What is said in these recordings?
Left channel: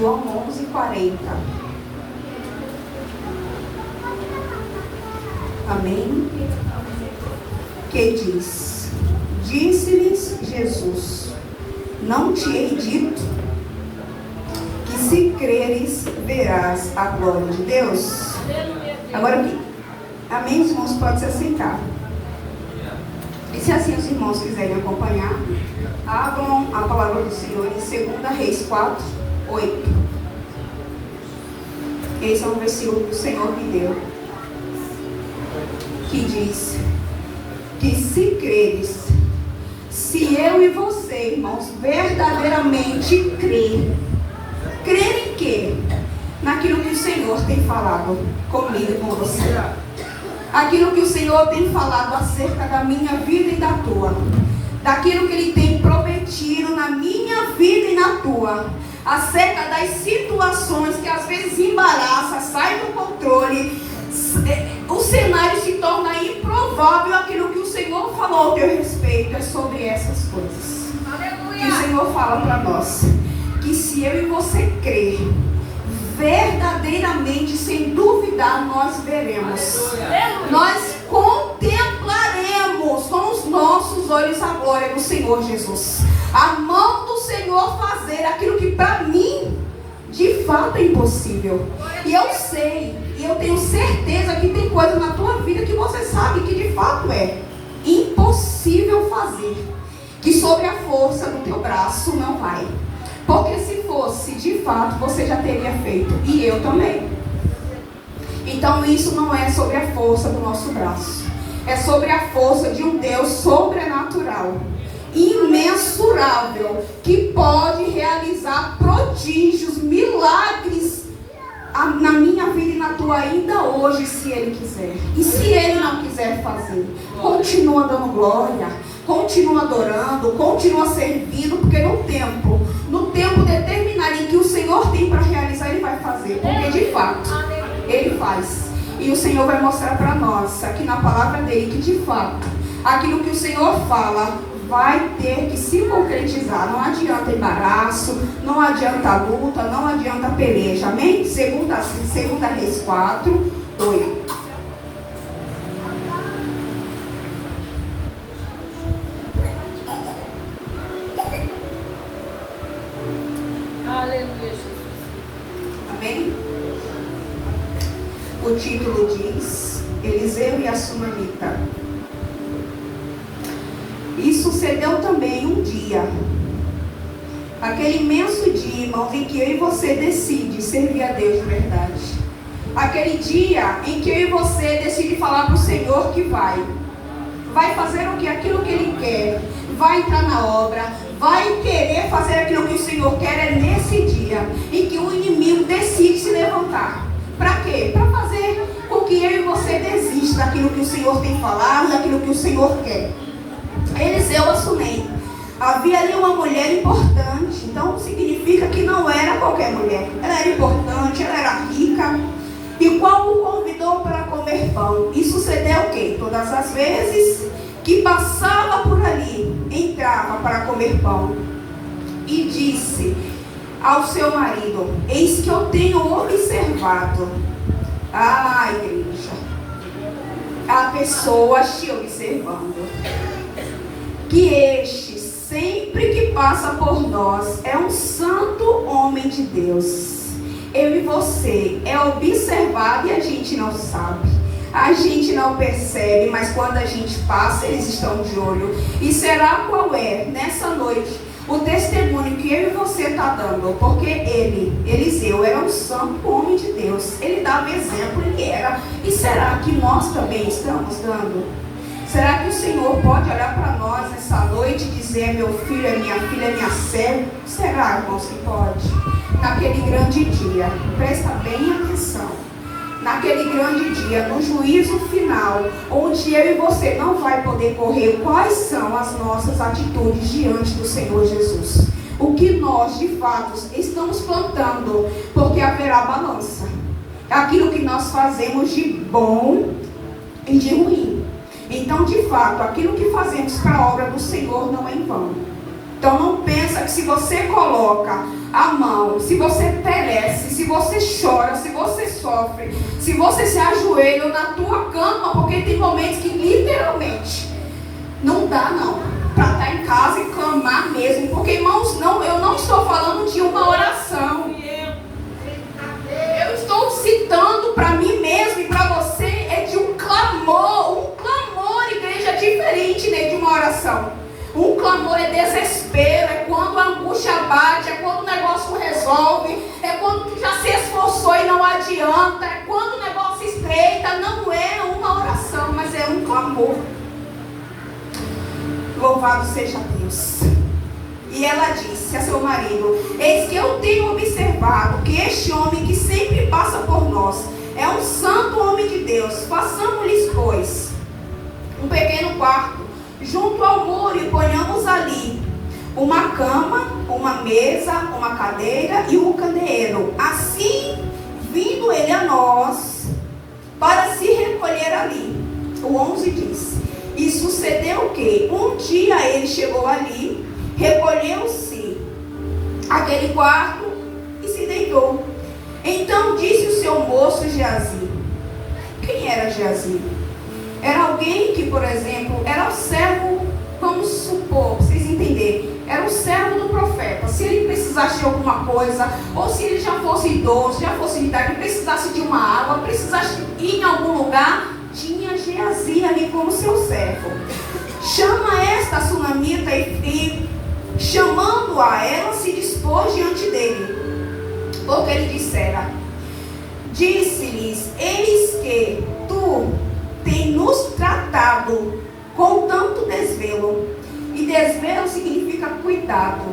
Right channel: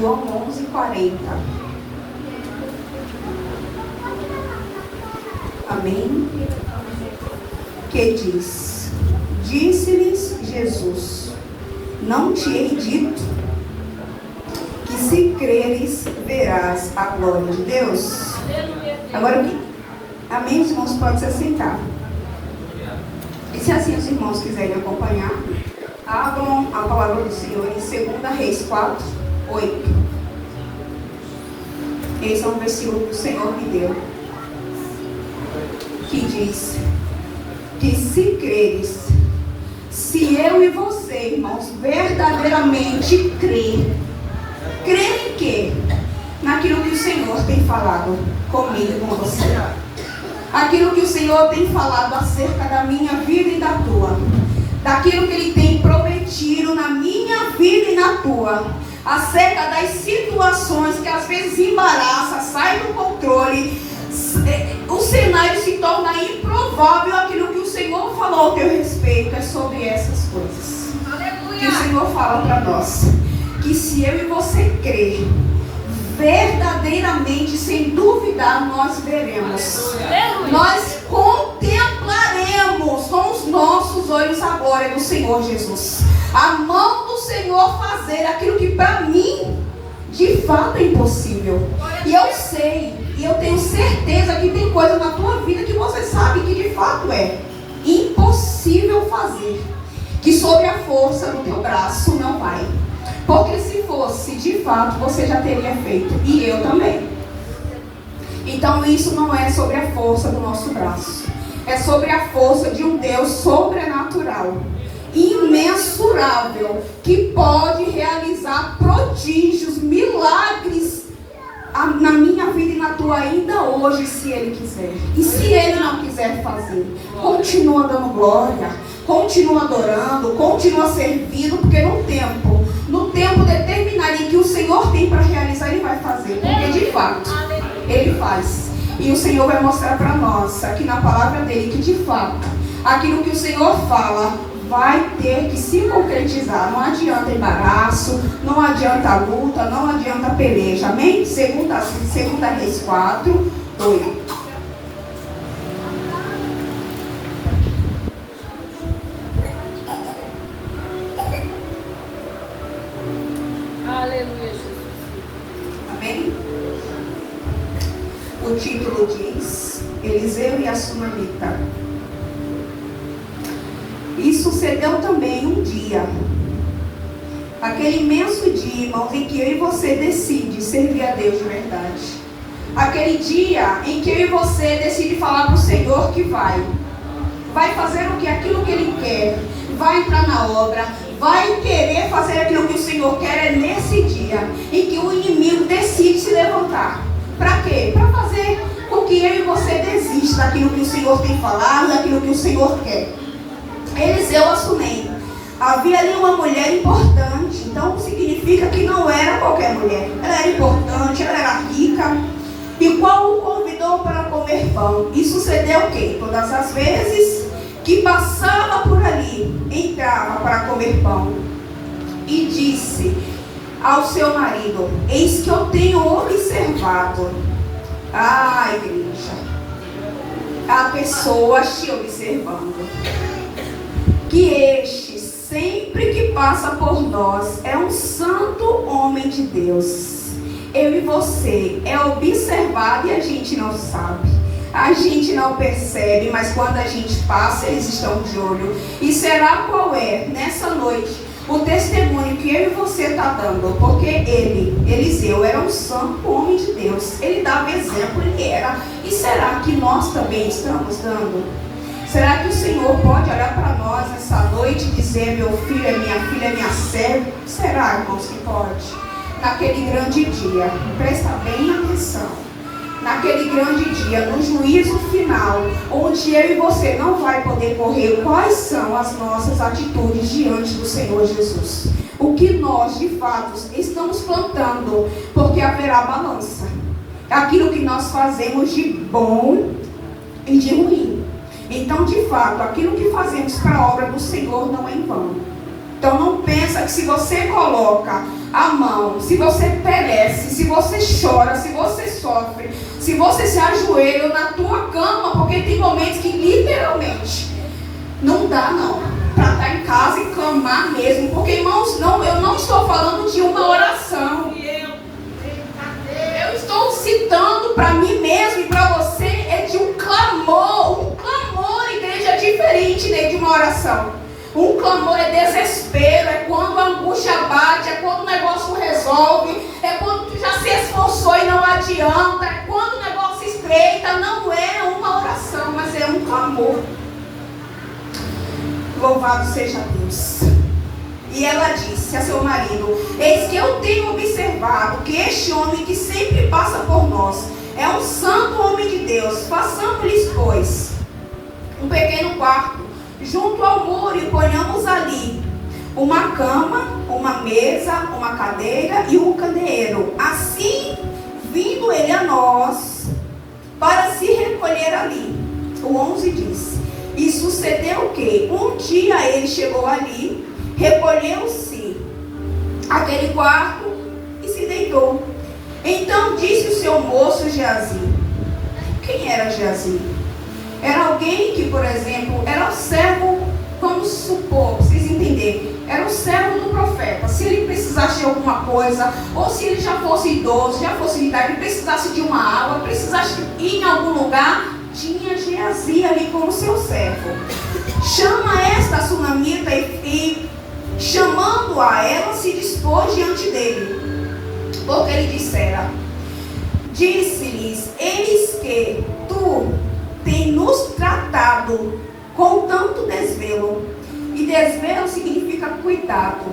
João 11:40. Amém? Que diz: disse-lhes Jesus: não te hei dito que se creres verás a glória de Deus? Agora aqui. Amém? Os irmãos podem se assentar. E se assim os irmãos quiserem acompanhar, abram a palavra do Senhor em 2 Reis 4:8. Esse é um versículo que o Senhor me deu, que diz que se creres, se eu e você, irmãos, verdadeiramente crer em quê? Naquilo que o Senhor tem falado comigo e com você. Aquilo que o Senhor tem falado acerca da minha vida e da tua. Daquilo que Ele tem prometido na minha vida e na tua. Acerca das situações que às vezes embaraçam, sai do controle. O cenário se torna improvável. Aquilo que o Senhor falou ao teu respeito é sobre essas coisas. Aleluia. Que o Senhor fala para nós. Que se eu e você crer verdadeiramente, sem duvidar, nós veremos. Nós contemplaremos com os nossos olhos agora no Senhor Jesus. A mão do Senhor fazer aquilo que para mim, de fato, é impossível. E eu sei, e eu tenho certeza que tem coisa na tua vida que você sabe que de fato é impossível fazer. Que sobre a força do teu braço não vai. Porque se fosse, de fato, você já teria feito. E eu também. Então isso não é sobre a força do nosso braço. É sobre a força de um Deus sobrenatural, imensurável, que pode realizar prodígios, milagres na minha vida e na tua ainda hoje, se Ele quiser. E se Ele não quiser fazer, continua dando glória, continua adorando, continua servindo, porque no tempo determinado em que o Senhor tem para realizar, Ele vai fazer, porque de fato Ele faz. E o Senhor vai mostrar para nós, aqui na palavra dele, que de fato aquilo que o Senhor fala vai ter que se concretizar. Não adianta embaraço, não adianta luta, não adianta peleja. Amém? 2 Reis 4:8. O título diz: Eliseu e a Sunamita. E sucedeu também um dia, aquele imenso dia, irmãos, em que eu e você decide servir a Deus de verdade. Aquele dia em que eu e você decide falar para o Senhor que vai fazer o que? Aquilo que Ele quer, vai entrar na obra, vai querer fazer aquilo que o Senhor quer. É nesse dia em que o inimigo decide se levantar. Para quê? Para fazer com que eu e você desista daquilo que o Senhor tem falado, daquilo que o Senhor quer. Eliseu assumei. Havia ali uma mulher importante, então significa que não era qualquer mulher. Ela era importante, ela era rica. E qual o convidou para comer pão? E sucedeu o quê? Todas as vezes que passava por ali, entrava para comer pão. E disse ao seu marido: eis que eu tenho observado. Igreja, a pessoa te observando, que este, sempre que passa por nós, é um santo homem de Deus. Eu e você é observado e a gente não sabe. A gente não percebe, mas quando a gente passa, eles estão de olho. E será qual é, nessa noite, o testemunho que eu e você está dando? Porque ele, Eliseu, era um santo homem de Deus. Ele dava exemplo, ele era. E será que nós também estamos dando? Será que o Senhor pode olhar para nós essa noite e dizer: meu filho é minha filha, é minha serva? Será, irmãos, que pode? Naquele grande dia, presta bem atenção. Naquele grande dia, no juízo final, onde eu e você não vai poder correr, quais são as nossas atitudes diante do Senhor Jesus? O que nós, de fato, estamos plantando, porque haverá balança. Aquilo que nós fazemos de bom e de ruim. Então, de fato, aquilo que fazemos para a obra do Senhor não é em vão. Então não pensa que se você coloca a mão, se você perece, se você chora, se você sofre, se você se ajoelha na tua cama, porque tem momentos que literalmente não dá não, para estar em casa e clamar mesmo, porque irmãos, não, eu não estou falando de uma oração, eu estou citando para mim mesmo e para você, é de um clamor, igreja, é diferente, né, de uma oração. Um clamor é desespero, é quando a angústia bate, é quando o negócio não resolve, é quando tu já se esforçou e não adianta, é quando o negócio estreita. Não é uma oração, mas é um clamor. Louvado seja Deus. E ela disse a seu marido: eis que eu tenho observado que este homem que sempre passa por nós é um santo homem de Deus. Façamos-lhes, pois, um pequeno quarto junto ao muro e ponhamos ali uma cama, uma mesa, uma cadeira e um candeeiro. Assim, vindo ele a nós para se recolher ali. O 11 diz: e sucedeu que um dia ele chegou ali, recolheu-se aquele quarto e se deitou. Então disse o seu moço Geazi. Quem era Geazi? Era alguém que, por exemplo, era o servo, vamos supor, para vocês entenderem, era o servo do profeta. Se ele precisasse de alguma coisa, ou se ele já fosse idoso, já fosse de idade, precisasse de uma água, precisasse ir em algum lugar, tinha Geazi ali como seu servo. Chama esta sunamita e chamando-a, ela se dispôs diante dele. Porque ele dissera, disse-lhes: eis que tu tem nos tratado com tanto desvelo. E desvelo significa cuidado,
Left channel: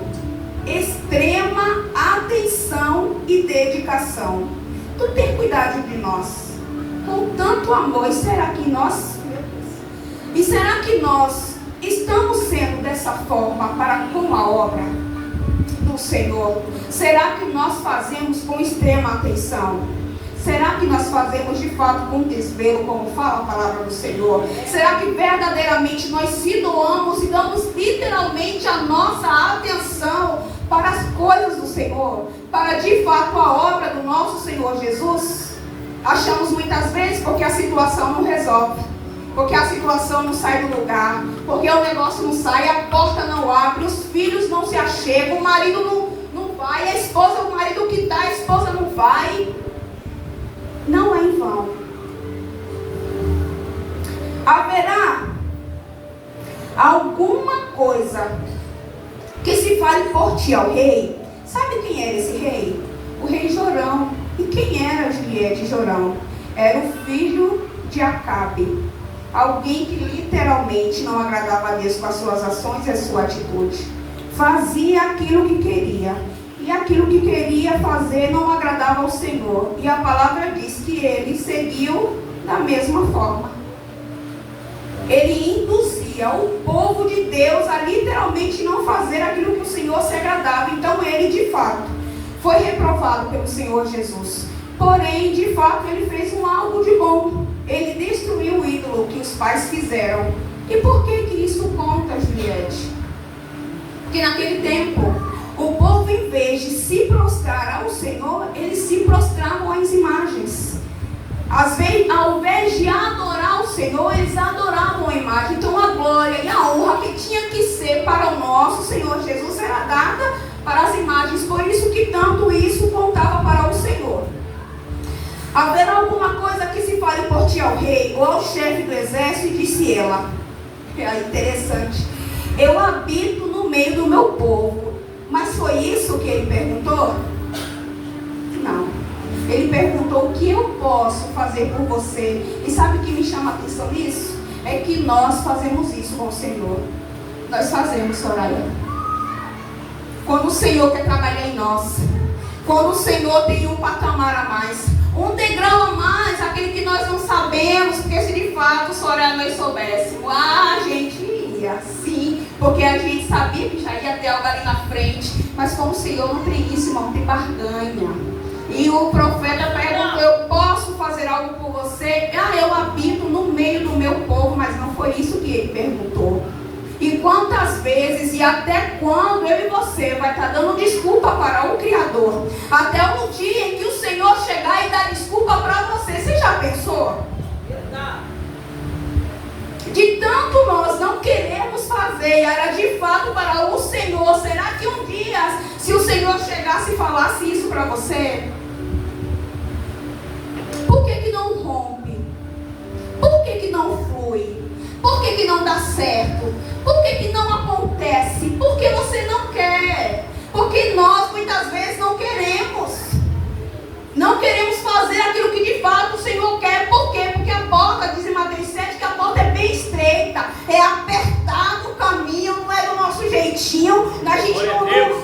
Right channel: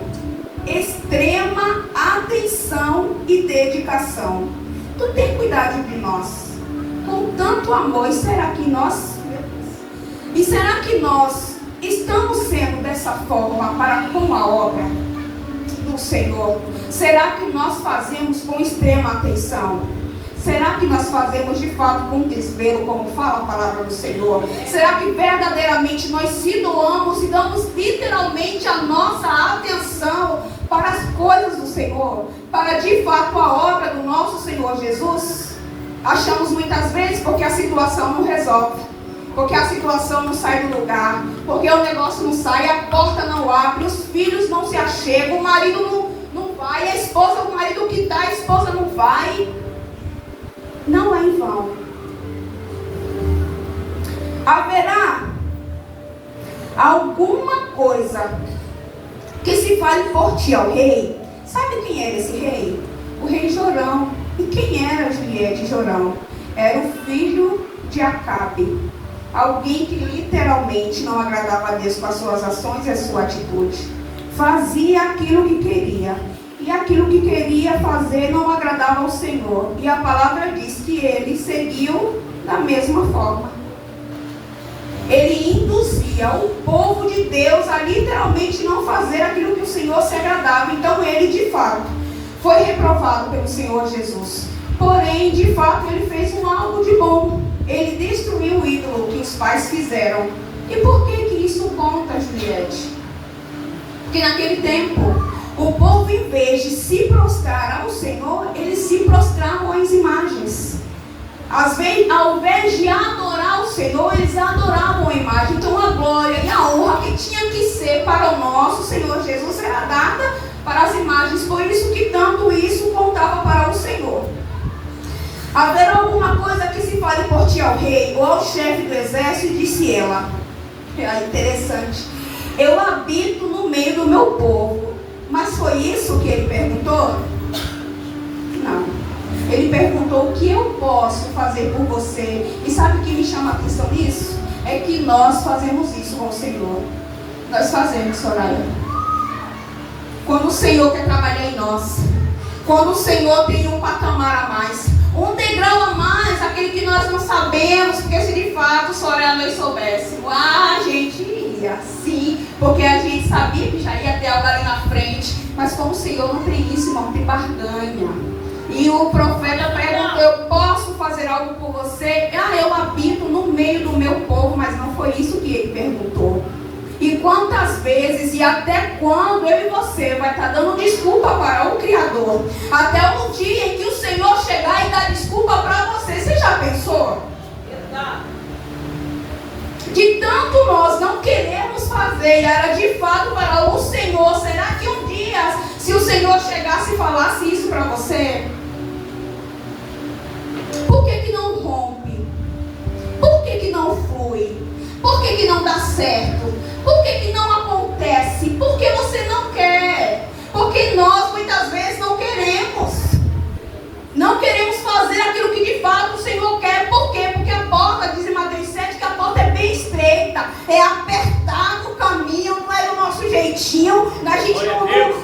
extrema atenção e dedicação. Tu tem cuidado de nós com tanto amor. E será que nós estamos sendo dessa forma para com a obra do Senhor? Será que nós fazemos com extrema atenção? Será que nós fazemos de fato com desvelo, como fala a palavra do Senhor? Será que verdadeiramente nós se doamos e damos literalmente a nossa atenção para as coisas do Senhor? Para de fato a obra do nosso Senhor Jesus? Achamos muitas vezes porque a situação não resolve, porque a situação não sai do lugar, porque o negócio não sai, a porta não abre, os filhos não se achegam, o marido não vai, a esposa, o marido que está, a esposa não vai. Não é em vão. Haverá alguma coisa que se fale por ti ao rei? Sabe quem era esse rei? O rei Jorão. E quem era de Jorão? Era o filho de Acabe. Alguém que literalmente não agradava a Deus com as suas ações e a sua atitude. Fazia aquilo que queria. E aquilo que queria fazer não agradava ao Senhor. E a palavra diz que ele seguiu da mesma forma. Ele induzia o povo de Deus a literalmente não fazer aquilo que o Senhor se agradava. Então ele, de fato, foi reprovado pelo Senhor Jesus. Porém, de fato, ele fez algo de bom. Ele destruiu o ídolo que os pais fizeram. E por que isso conta, Juliette? Porque naquele tempo, o povo, em vez de se prostrar ao Senhor, eles se prostravam às imagens. Ao invés de adorar o Senhor, eles adoravam a imagem. Então a glória e a honra que tinha que ser para o nosso Senhor Jesus era dada para as imagens. Por isso que tanto isso contava para o Senhor. Haverá alguma coisa que se fale por ti ao rei ou ao chefe do exército? Disse ela. É interessante. Eu habito no meio do meu povo. Mas foi isso que ele perguntou? Não. Ele perguntou o que eu posso fazer por você. E sabe o que me chama a atenção nisso? É que nós fazemos isso com o Senhor. Nós fazemos, Soraya. Quando o Senhor quer trabalhar em nós. Quando o Senhor tem um patamar a mais. Um degrau a mais, aquele que nós não sabemos. Porque se de fato, Soraya, nós soubéssemos. A gente ia sim. Porque a gente sabia que já ia ter algo ali na frente. Mas como o Senhor não tem isso, não tem barganha. E o profeta perguntou: eu posso fazer algo por você? Eu habito no meio do meu povo. Mas não foi isso que ele perguntou. E quantas vezes e até quando eu e você vai estar dando desculpa para o Criador? Até um dia em que o Senhor chegar e dar desculpa para você. Você já pensou? De tanto nós não queremos fazer, era de fato para o Senhor. Será que um dia, se o Senhor chegasse e falasse isso para você? Por que não rompe? Por que não flui? Por que não dá certo? Por que não acontece? Porque você não quer. Porque nós muitas vezes não queremos. Não queremos fazer aquilo que de fato o Senhor quer. Por quê? Porque a porta, diz em Mateus 7, que a porta é bem estreita. É apertado o caminho, não é do nosso jeitinho. A gente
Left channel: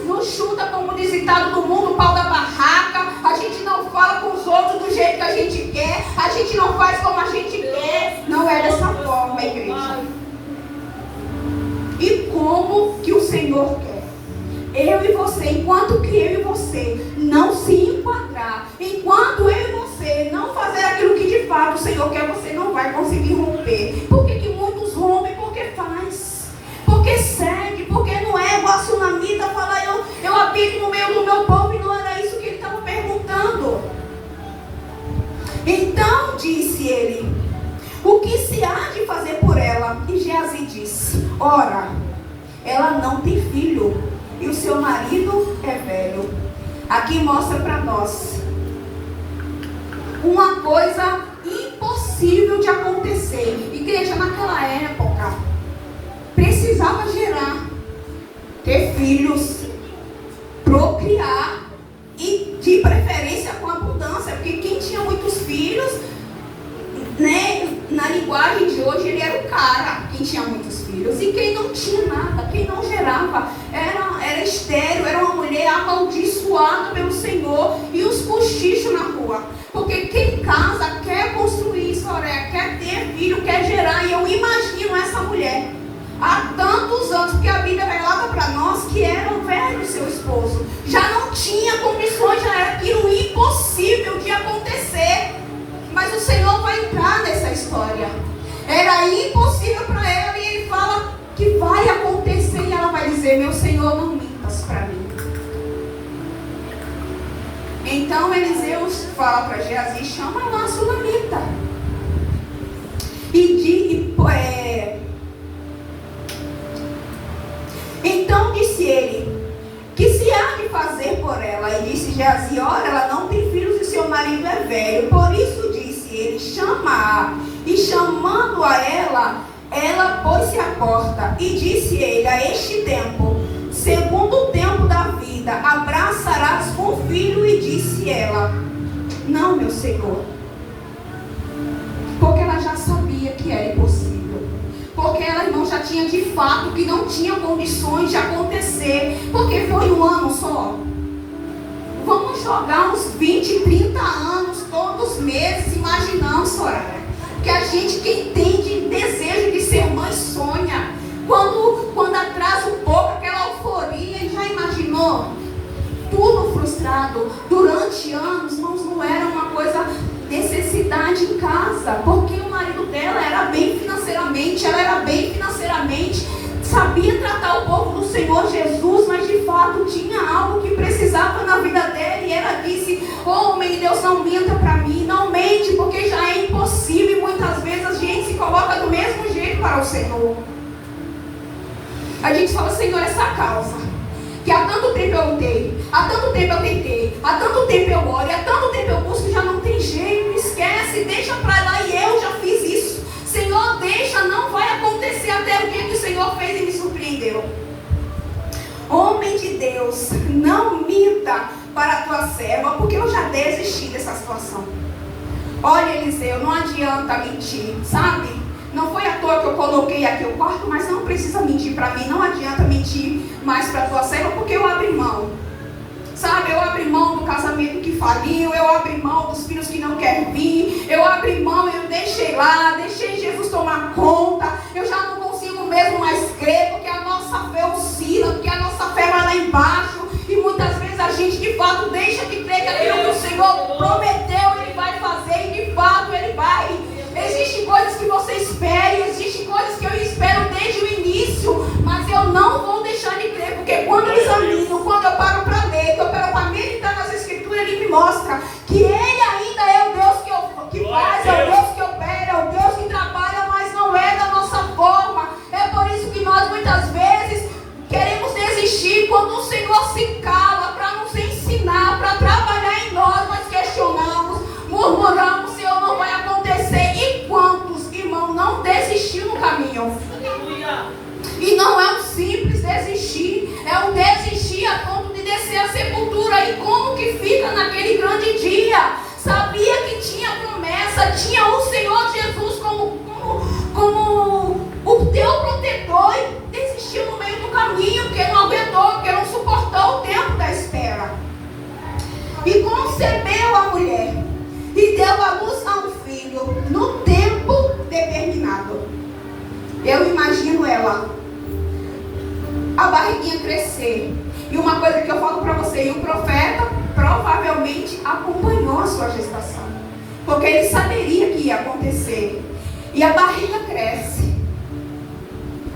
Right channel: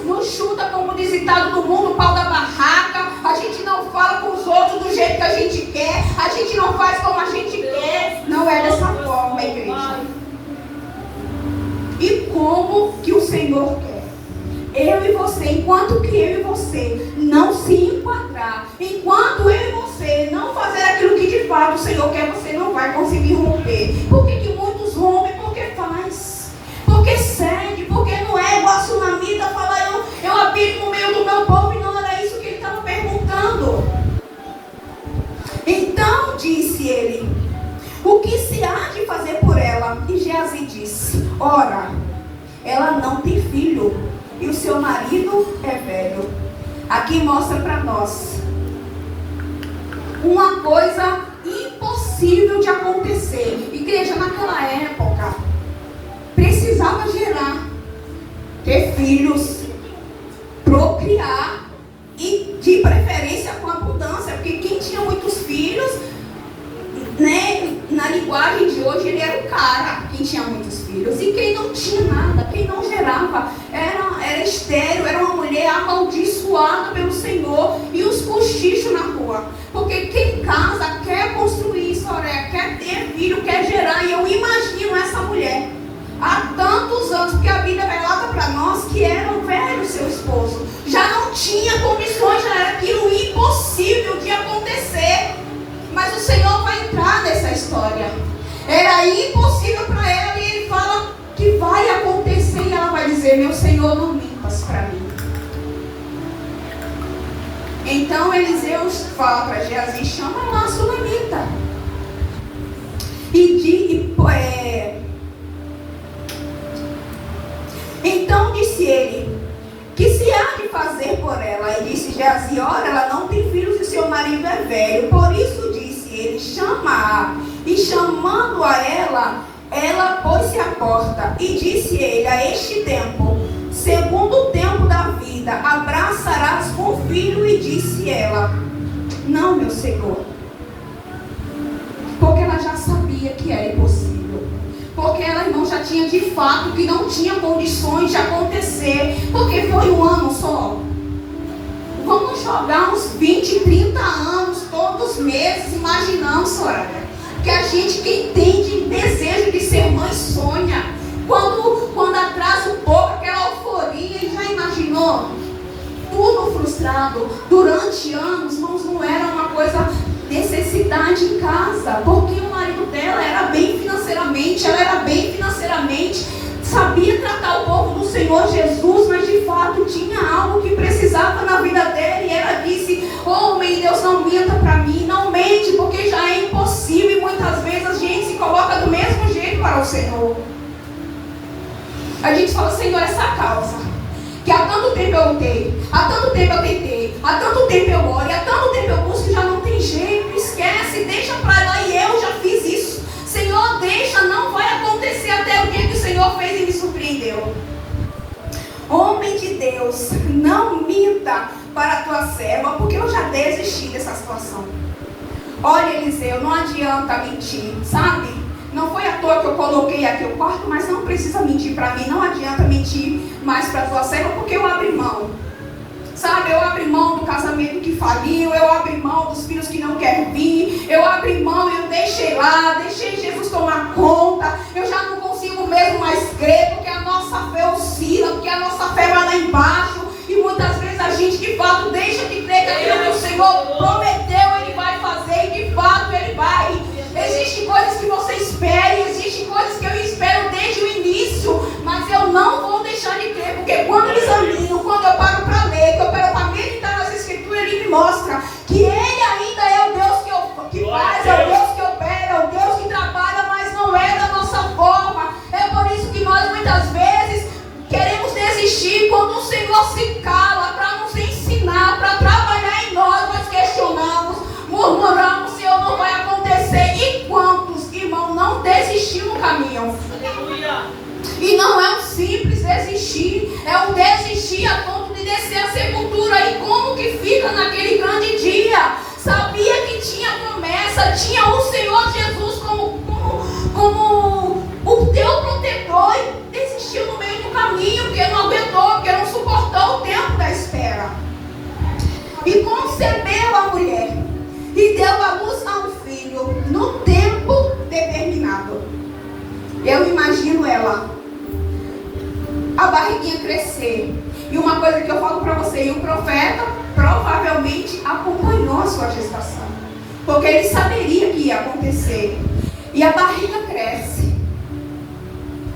não chuta, como diz ditado do mundo, o pau da barraca. A gente não fala com os outros do jeito que a gente quer. A gente não faz como a gente quer. Não é dessa forma, igreja. E como que o Senhor quer? Eu e você, enquanto que eu e você não se enquadrar, enquanto eu e você não fazer aquilo que de fato o Senhor quer, você não vai conseguir romper. Por que muitos rompem? Porque faz. Porque segue. Porque não é igual a Sunamita fala, eu habito no meio do meu povo, e não era isso que ele estava perguntando. Então disse ele: o que se há de fazer por ela? E Geazi disse: ora, ela não tem filho, e o seu marido é velho. Aqui mostra para nós uma coisa impossível de acontecer. Igreja, naquela época precisava gerar, ter filhos, procriar, e de preferência com abundância, porque quem tinha muitos filhos, né, na linguagem de hoje, ele era o cara, quem tinha muitos filhos. E quem não tinha nada, quem não gerava, era estéril, era uma mulher amaldiçoada pelo Senhor. E os cochichos na rua. Porque quem casa quer construir história, quer ter filho, quer gerar. E eu imagino essa mulher há tantos anos, porque a Bíblia relata para nós que era velho seu esposo. Já não tinha condições, já era aquilo impossível de acontecer. Mas o Senhor vai entrar nessa história. Era impossível para ela, e ele fala que vai acontecer, e ela vai dizer: meu Senhor, não mintas para mim. Então Eliseu fala para Geazi: chama lá a Sunamita. Então disse ele: que se há de fazer por ela? E disse Geazi: ora, ela não tem filhos e seu marido é velho. Por isso disse ele: chama-a. E chamando a ela pôs-se à porta. E disse ele: a este tempo, segundo o tempo da vida, abraçarás com o filho. E disse ela: não, meu Senhor. Porque ela já sabia que era impossível. Porque ela, irmão, já tinha de fato que não tinha condições de acontecer. Porque foi um ano só. Vamos jogar uns 20, 30 anos, todos os meses, imaginando, Soraya. Que a gente, quem tem de desejo de ser mãe, sonha. Quando atrasa um pouco aquela euforia, já imaginou? Tudo frustrado. Durante anos, irmãos, não era uma coisa, necessidade em casa. Porque o marido dela era bem financeiramente, ela era bem financeiramente, sabia tratar o povo do Senhor Jesus, mas de fato tinha algo que precisava na vida dela. E ela disse: homem de Deus, não minta para mim, não mente, porque já é impossível. E muitas vezes a gente se coloca do mesmo jeito para o Senhor. A gente fala: Senhor, essa causa que há tanto tempo eu lutei, há tanto tempo eu tentei, há tanto tempo eu oro, e há tanto tempo eu busco, já não tem jeito, esquece, deixa para lá. E eu já fiz isso. Senhor, deixa, não vai acontecer até o dia que o Senhor fez e me surpreendeu. Homem de Deus, não minta para a tua serva, porque eu já desisti dessa situação. Olha, Eliseu, não adianta mentir, sabe? Não foi à toa que eu coloquei aqui o quarto, mas não precisa mentir para mim. Não adianta mentir mais para a tua serva, porque eu abri mão. Sabe, eu abri mão do casamento que faliu, eu abri mão dos filhos que não querem vir, eu abri mão, eu deixei lá, deixei Jesus tomar conta. Eu já não consigo mesmo mais crer, porque a nossa fé oscila, porque a nossa fé vai lá embaixo. E muitas vezes a gente de fato deixa de crer que aquilo que o Senhor prometeu, Ele vai fazer, e de fato Ele vai. Existem coisas que você espera, e existem coisas que eu espero desde o início. descer a sepultura. E como que fica naquele grande dia? Sabia que tinha promessa, tinha o Senhor Jesus como o teu protetor, e desistiu no meio do caminho, porque não aguentou, porque não suportou o tempo da espera. E concebeu a mulher e deu à luz a um filho no tempo determinado. Eu imagino ela, a barriguinha crescer. E uma coisa que eu falo para você, o profeta provavelmente acompanhou a sua gestação, porque ele saberia que ia acontecer. E a barriga cresce,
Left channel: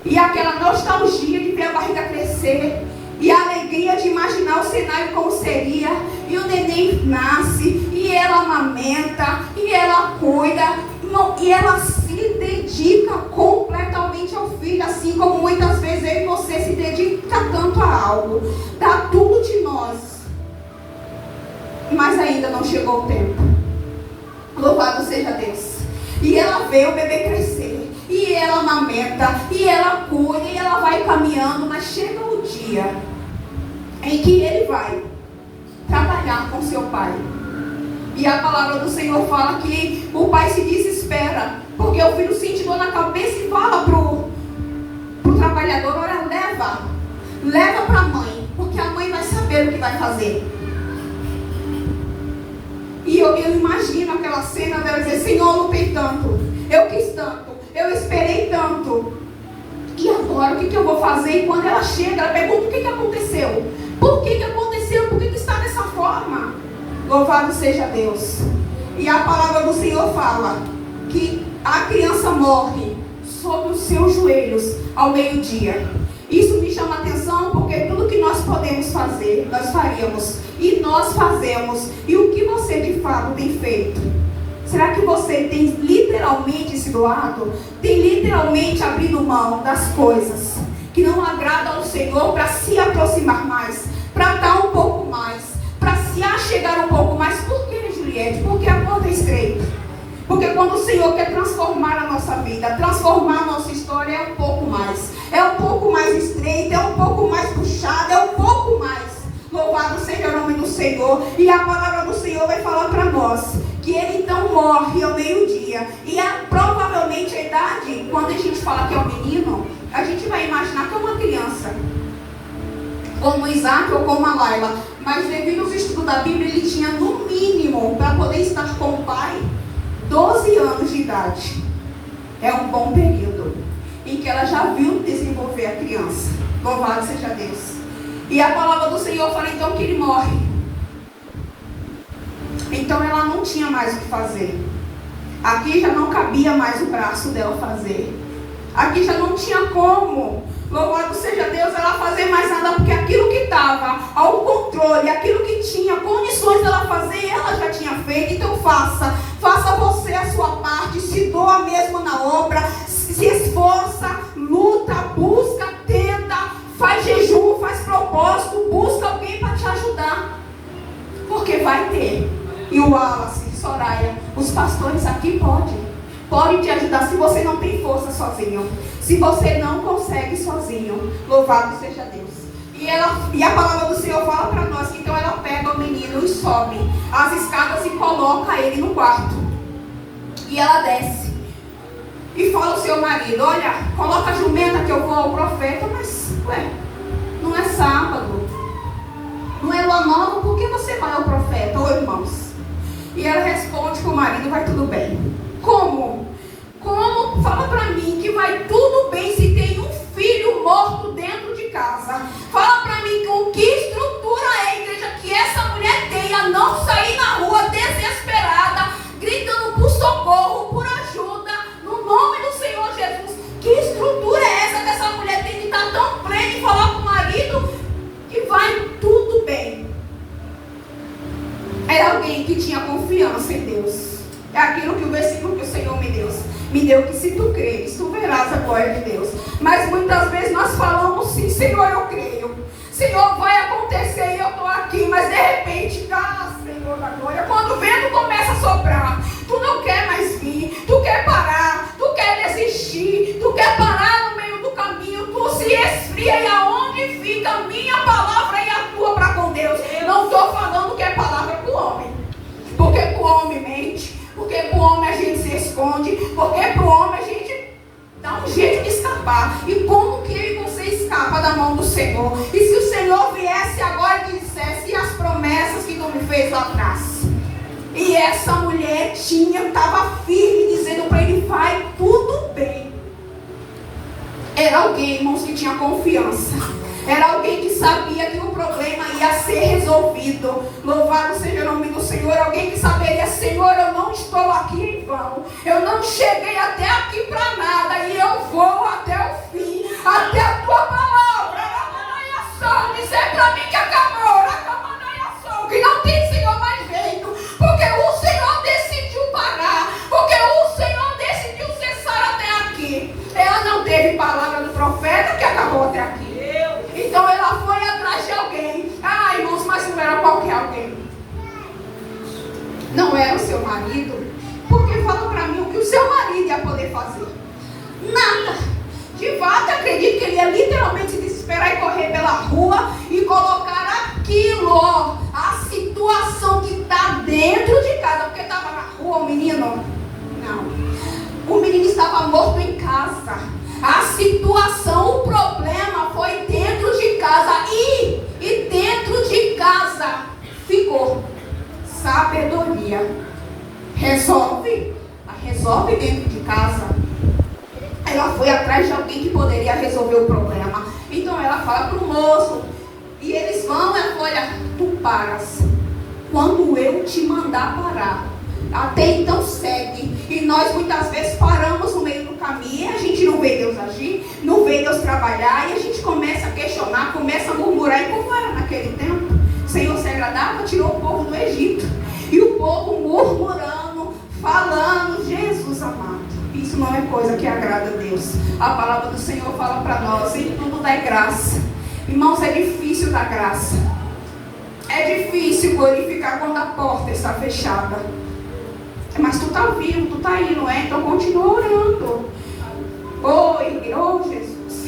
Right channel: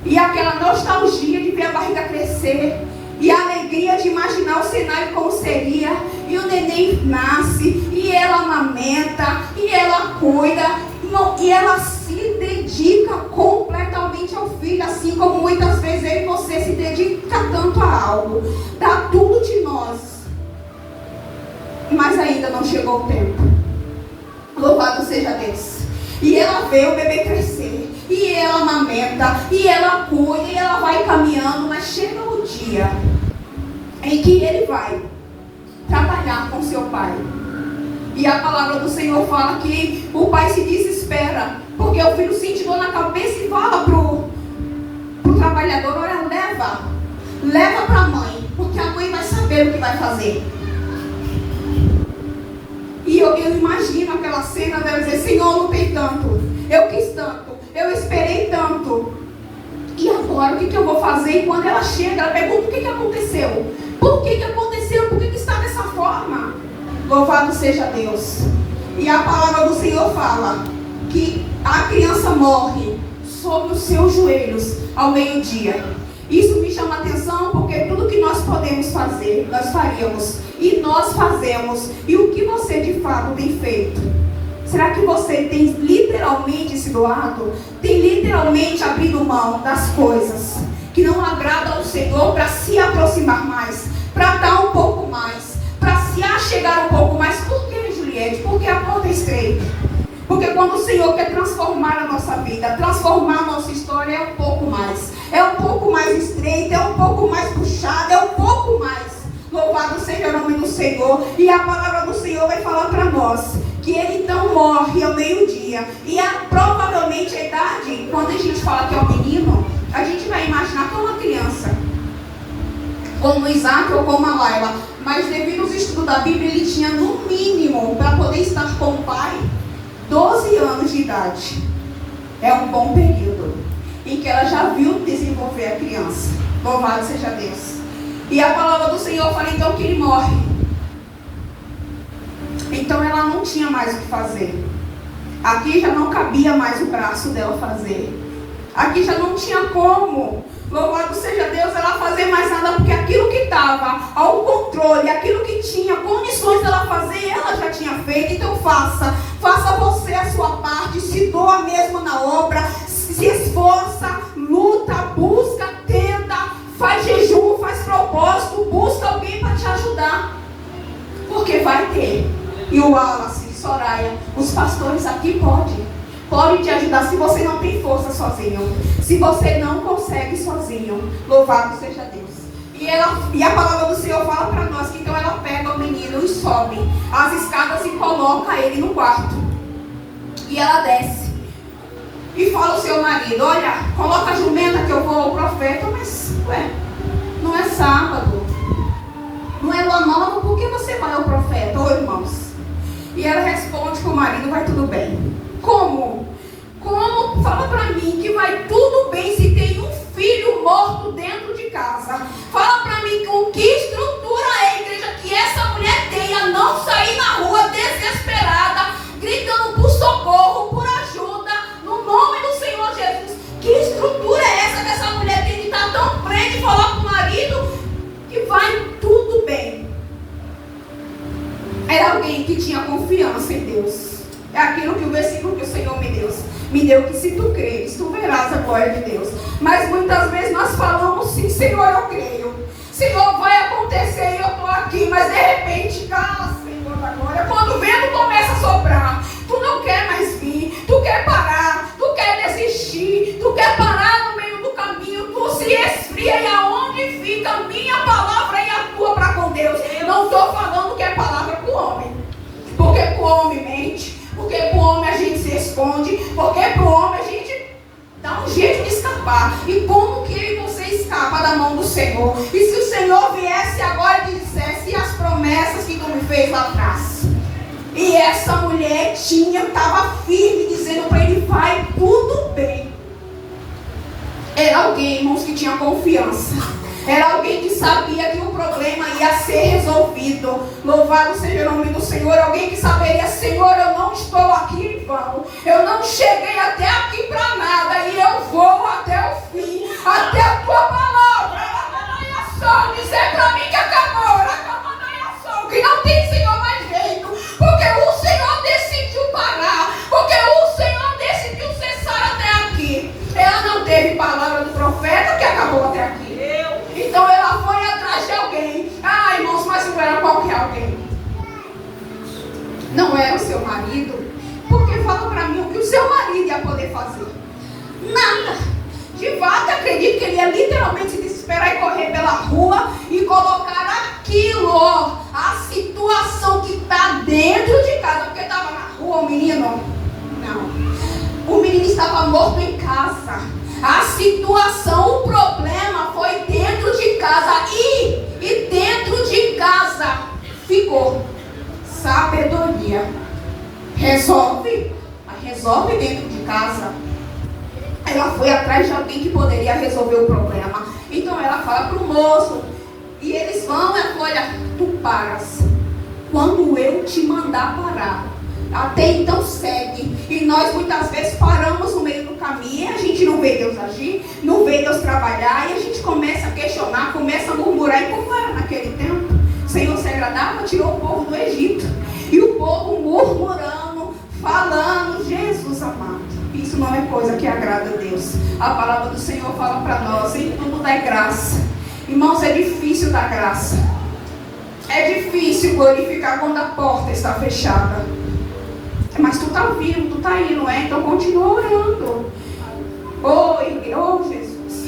e aquela nostalgia de ver a barriga crescer, e a alegria de imaginar o cenário como seria. E o neném nasce, e ela amamenta, e ela cuida, e ela se dedica completamente ao filho, assim como muitas vezes eu e você se dedica tanto a algo, dá tudo de nós, mas ainda não chegou o tempo. Louvado seja Deus. E ela vê o bebê crescer, e ela amamenta, e ela cuida, e ela vai caminhando, mas chega o dia em que ele vai trabalhar com seu pai. E a palavra do Senhor fala que o pai se desespera, porque o filho sente dor na cabeça e fala pro trabalhador: olha, leva para a mãe, porque a mãe vai saber o que vai fazer. E eu imagino aquela cena dela dizer: Senhor, eu lutei tanto, eu quis tanto, eu esperei tanto, e agora o que eu vou fazer? E quando ela chega, ela pergunta: o que aconteceu? Por que aconteceu? Por que está dessa forma? Louvado seja Deus. E a palavra do Senhor fala que a criança morre sobre os seus joelhos ao meio-dia. Isso me chama a atenção, porque tudo que nós podemos fazer, nós faríamos. E nós fazemos. E o que você de fato tem feito? Será que você tem literalmente se doado? Tem literalmente abrido mão das coisas que não agradam ao Senhor para se aproximar mais, para dar um pouco mais, para se achegar um pouco mais? Por que, Juliette? Porque a porta é estreita. Porque quando o Senhor quer transformar a nossa vida, transformar a nossa história, é um pouco mais. É um pouco mais estreito, é um pouco mais puxado, é um pouco mais. Louvado seja o nome do Senhor. E a palavra do Senhor vai falar para nós que ele então morre ao meio-dia. E provavelmente a idade, quando a gente fala que é um menino, a gente vai imaginar que é uma criança, como Isaac ou como a Laila. Mas devido aos estudos da Bíblia, ele tinha no mínimo, para poder estar com o pai, 12 anos de idade. É um bom período em que ela já viu desenvolver a criança. Louvado seja Deus. E a palavra do Senhor fala então que ele morre. Então ela não tinha mais o que fazer. Aqui já não cabia mais o braço dela fazer. Aqui já não tinha como, louvado seja Deus, ela fazer mais nada, porque aquilo que estava ao controle, aquilo que tinha condições dela fazer, ela já tinha feito. Então faça você a sua parte, se doa mesmo na obra, se esforça, luta, busca, tenta, faz jejum, faz propósito, busca alguém para te ajudar, porque vai ter. E o Wallace, Soraya, os pastores aqui podem te ajudar se você não tem força sozinho, se você não consegue sozinho. Louvado seja Deus. E a palavra do Senhor fala para nós que então ela pega o menino e sobe as escadas e coloca ele no quarto. E ela desce e fala ao seu marido: olha, coloca a jumenta que eu vou ao profeta. Mas, não é sábado, não é lua nova, por que você vai ao profeta? Ô irmãos. E ela responde com o marido: vai tudo bem. Como? Fala pra mim que vai tudo bem se tem um filho morto dentro de casa. Fala pra mim com que estrutura é, igreja, que essa mulher tem a não sair na rua desesperada, gritando por socorro, por ajuda, no nome do Senhor Jesus. Que estrutura é essa que essa mulher tem de estar tão presa e falar pro marido que vai tudo bem? Era alguém que tinha confiança em Deus. É aquilo que o versículo que o Senhor me deu, que se tu creres, tu verás a glória de Deus. Mas muitas vezes nós falamos sim: Senhor, eu creio, Senhor, vai acontecer, eu estou aqui. Mas de repente, Senhor da glória, quando o vento começa a soprar, tu não quer mais vir, tu quer parar, tu quer desistir, tu quer parar no meio do caminho, tu se esfria. E aonde fica a minha palavra e a tua para com Deus? esconde, porque pro homem a gente dá um jeito de escapar. E como que eu e você escapa da mão do Senhor? E se o Senhor viesse agora e dissesse: e as promessas que tu me fez lá atrás? E essa mulher estava firme, dizendo para ele: vai tudo bem. Era alguém, irmãos, que tinha confiança. Era alguém que sabia que o problema ia ser resolvido. Louvado seja o nome do Senhor. Alguém que saberia: Senhor, eu não estou aqui em vão. Eu não cheguei até aqui para nada. E eu vou até o fim. Até a tua palavra. Dizer para mim que acabou. Que não tem, Senhor, mais jeito. Porque o Senhor decidiu parar. Porque o Senhor decidiu cessar até aqui. Ela não teve palavra do profeta que acabou até aqui. Então ela foi atrás de alguém. Ah, irmãos, mas não era qualquer alguém. Não era o seu marido. Porque fala para mim o que o seu marido ia poder fazer. Nada. De fato, acredito que ele ia literalmente desesperar e correr pela rua e colocar aquilo, a situação que está dentro de casa. Porque estava na rua o menino? Não. O menino estava morto em casa. A situação, o problema foi dentro de casa. E dentro de casa ficou sabedoria. Resolve dentro de casa. Ela foi atrás de alguém que poderia resolver o problema. Então ela fala para o moço. E eles vão, ela fala: olha, tu paras quando eu te mandar parar. Até então segue. E nós muitas vezes paramos no meio do caminho. A gente não vê Deus agir, não vê Deus trabalhar. E a gente começa a questionar, começa a murmurar. E como era naquele tempo? O Senhor se agradava, tirou o povo do Egito. E o povo murmurando, falando: Jesus amado. Isso não é coisa que agrada a Deus. A palavra do Senhor fala para nós: em tudo dá graça. Irmãos, é difícil dar graça. É difícil glorificar quando a porta está fechada. Mas tu está vivo, tu está aí, não é? Então continua orando. Jesus.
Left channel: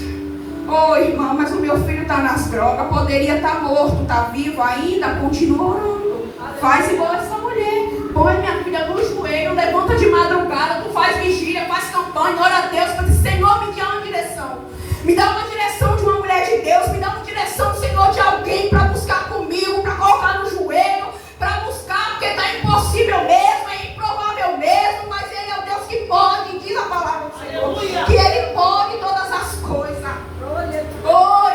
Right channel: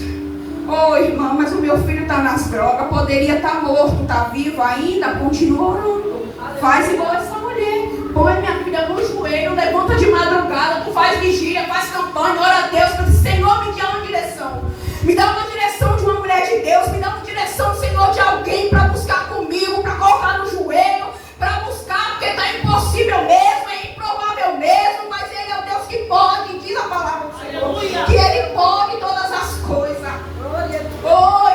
Irmão, mas o meu filho está nas drogas. Poderia estar morto, está vivo ainda. Continua orando. Faz igual essa mulher. Põe minha filha no joelho, levanta de madrugada, tu faz vigília, faz campanha, ora a Deus, diz: Senhor, me dá uma direção. Me dá uma direção de uma mulher de Deus, me dá uma direção, Senhor, de alguém para buscar comigo, para colocar no joelho, para buscar, porque está impossível mesmo, é improvável mesmo, mas Ele é o Deus que pode, diz a palavra do Senhor, que Ele pode todas as coisas.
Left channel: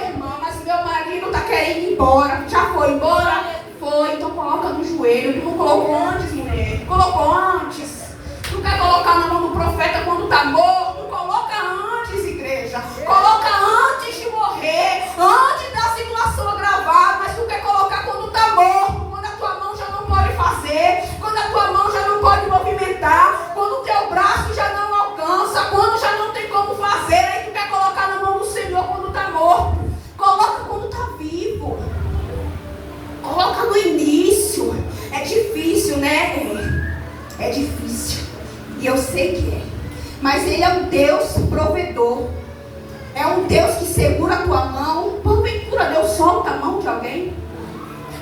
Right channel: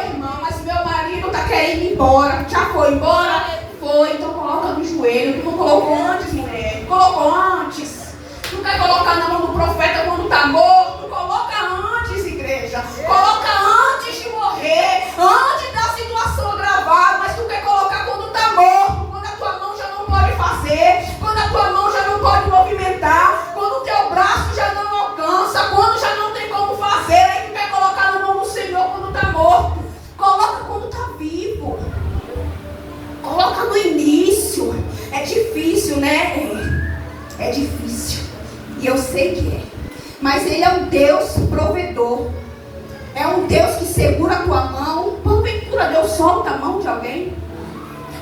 Irmão, mas meu marido está querendo ir embora. Já foi embora? Foi, então coloca no joelho. Tu não colocou antes, mulher? Colocou antes. Tu quer colocar na mão do profeta quando está morto? Coloca antes, igreja. Coloca antes de morrer, antes da situação agravada. Mas tu quer colocar quando está morto, quando a tua mão já não pode fazer, quando a tua mão já não pode movimentar, quando o teu braço já não alcança, quando já não tem como fazer. Aí tu quer colocar na mão do Senhor quando está morto. Coloca quando está vivo. Coloca no início. É difícil, né? É difícil. E eu sei que é. Mas Ele é um Deus provedor. É um Deus que segura a tua mão. Porventura Deus solta a mão de alguém.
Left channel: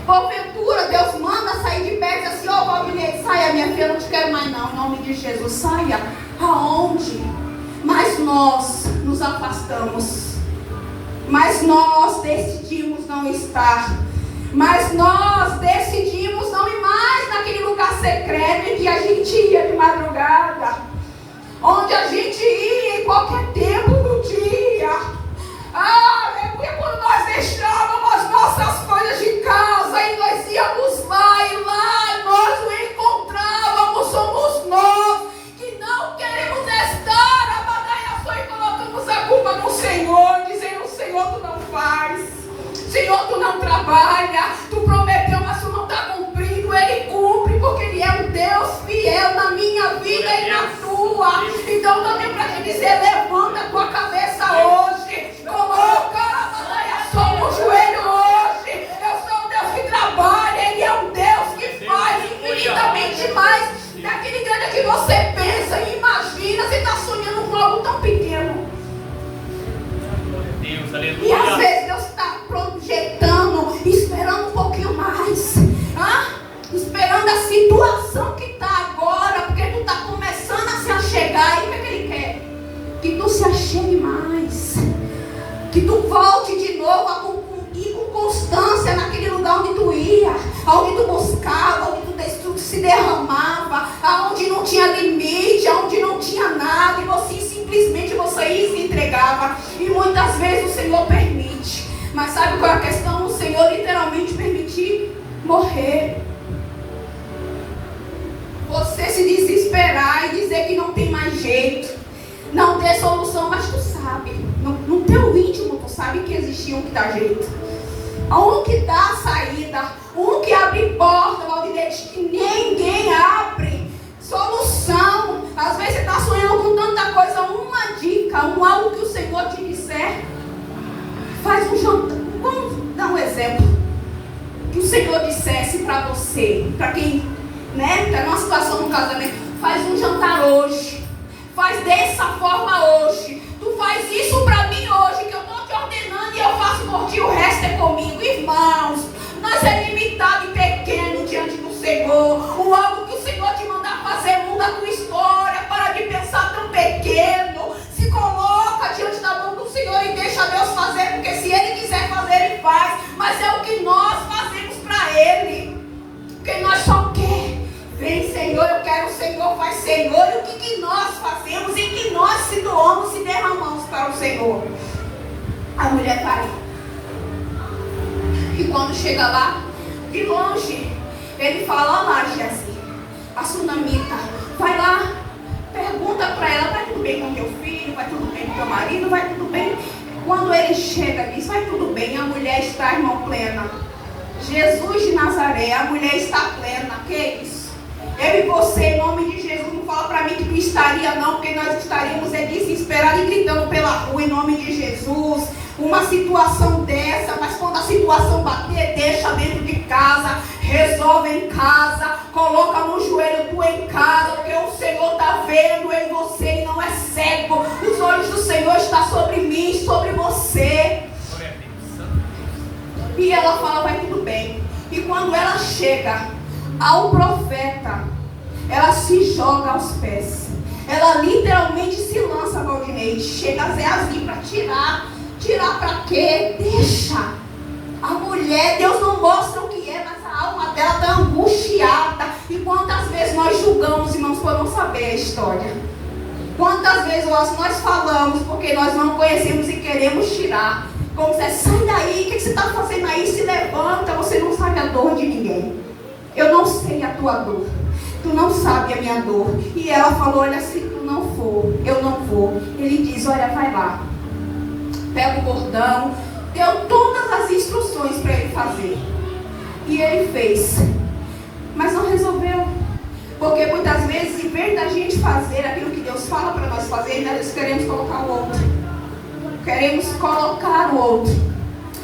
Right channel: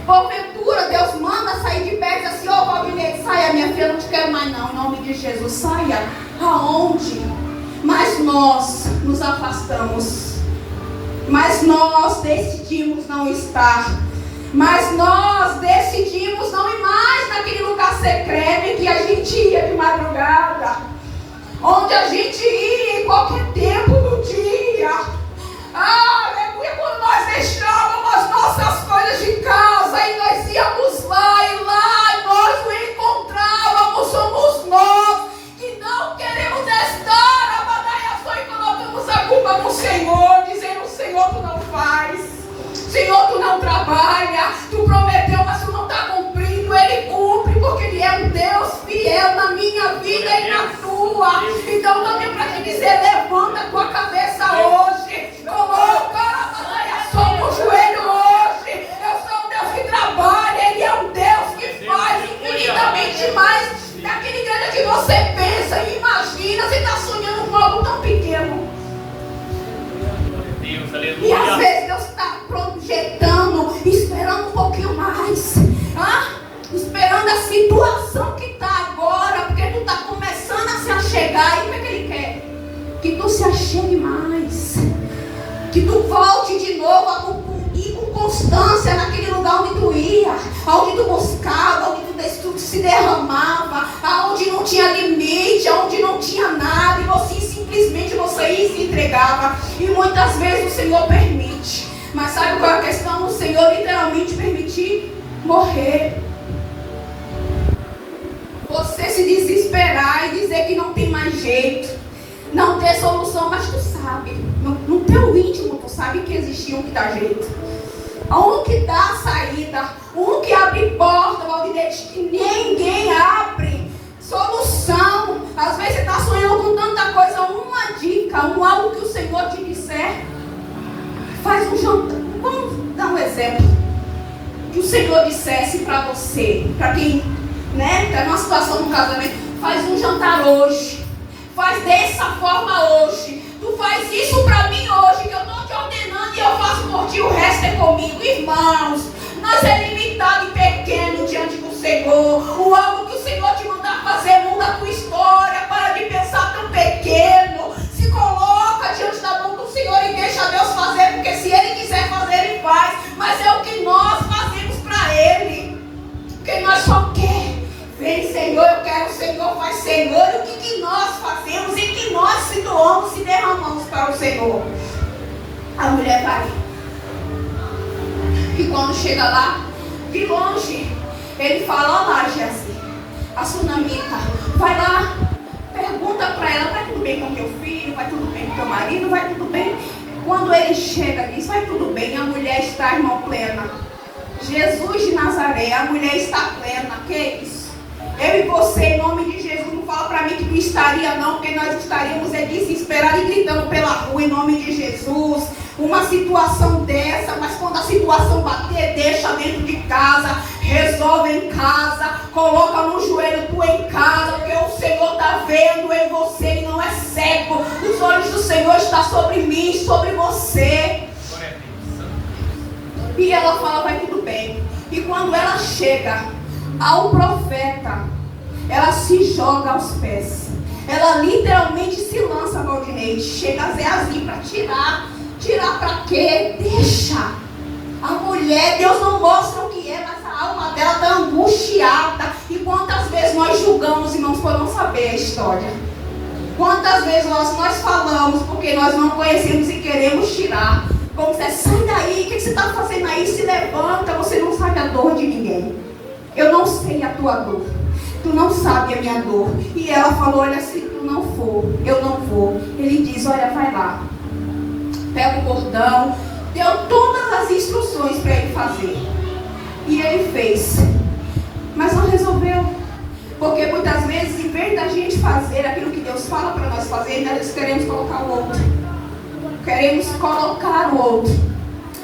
Porventura Deus manda sair de perto e diz assim: Valdir, saia, minha filha, não te quero mais não. Em nome de Jesus, saia. Aonde? Mas nós nos afastamos. Mas nós decidimos não estar. Mas nós decidimos não ir mais naquele lugar secreto em que a gente ia de madrugada, onde a gente ia em qualquer tempo do dia. Aleluia, quando nós deixávamos as nossas coisas de casa e nós íamos lá e lá nós o encontrávamos. Somos nós que não queremos estar a batalha só e colocamos a culpa no Senhor, dizendo: Senhor, tu não faz. Senhor, tu não trabalha, tu prometeu, mas tu não está cumprindo. Ele cumpre, porque Ele é um Deus fiel na minha vida e na tua. Então não tem para que dizer: levanta a tua cabeça hoje, coloca a batalha só no joelho hoje. Eu sou um Deus que trabalha, Ele é um Deus que faz infinitamente mais daquele que você pensa e imagina. Você está sonhando com algo tão pequeno. E às vezes Deus está projetando, esperando um pouquinho mais, esperando a situação que está agora, porque tu está começando a se achar tu ia, aonde tu buscava, aonde tu se derramava, aonde não tinha limite, aonde não tinha nada, e você simplesmente você ia e se entregava. E muitas vezes o Senhor permite. Mas sabe qual é a questão? O Senhor literalmente permitir morrer. Você se desesperar e dizer que não tem mais jeito, não ter solução, mas tu sabe, no teu íntimo tu sabe que existe um que dá jeito, um que dá saída, um que abre porta, que ninguém abre, solução. Às vezes você está sonhando com tanta coisa, uma dica, algo que o Senhor te disser, faz um jantar. Vamos dar um exemplo, que o Senhor dissesse para você, para quem, né, está numa situação no casamento, faz um jantar hoje, faz dessa forma hoje, tu faz isso para mim hoje, que eu estou te ordenando e eu faço por ti, o resto é comigo. Irmãos, nós é limitado e pequeno diante do Senhor. O algo que o Senhor te mandar fazer muda a tua história. Para de pensar tão pequeno, se coloca diante da mão do Senhor e deixa Deus fazer, porque se Ele quiser fazer, Ele faz, mas é o que nós fazemos para Ele, porque nós só queremos. Vem, Senhor, eu quero o Senhor, faz, Senhor. E o que nós fazemos? Em que nós se doamos, se derramamos para o Senhor? A mulher vai. E quando chega lá, de longe, ele fala: lá, Geazi, a sunamita, vai lá, pergunta para ela: vai tudo bem com meu filho? Vai tudo bem com teu marido? Vai tudo bem? Quando ele chega, diz: vai tudo bem. A mulher está, irmão, plena. Jesus de Nazaré, a mulher está plena. Que é isso? Eu e você, em nome de Jesus, não fala para mim que não estaria não, porque nós estaríamos desesperados e gritando pela rua, em nome de Jesus. Uma situação dessa, mas quando a situação bater, deixa dentro de casa, resolve em casa, coloca no joelho tu em casa, porque o Senhor está vendo em você e não é cego. Os olhos do Senhor estão sobre mim, sobre você. E ela fala: vai tudo bem. E quando ela chega ao profeta, ela se joga aos pés. Ela literalmente se lança para o direito. Chega a Geazi para tirar. Tirar para quê? Deixa. A mulher, Deus não mostra o que é, mas a alma dela está angustiada. E quantas vezes nós julgamos, irmãos, por não saber a história? Quantas vezes nós falamos porque nós não conhecemos e queremos tirar? Como você: sai daí, o que você está fazendo aí? Se levanta, você não sabe a dor de ninguém. Eu não sei a tua dor, tu não sabe a minha dor. E ela falou: olha, se tu não for, eu não vou. Ele diz: olha, vai lá, pega o cordão. Deu todas as instruções para ele fazer, e ele fez, mas não resolveu. Porque muitas vezes, em vez da gente fazer aquilo que Deus fala para nós fazer, nós queremos colocar o outro. Queremos colocar o outro.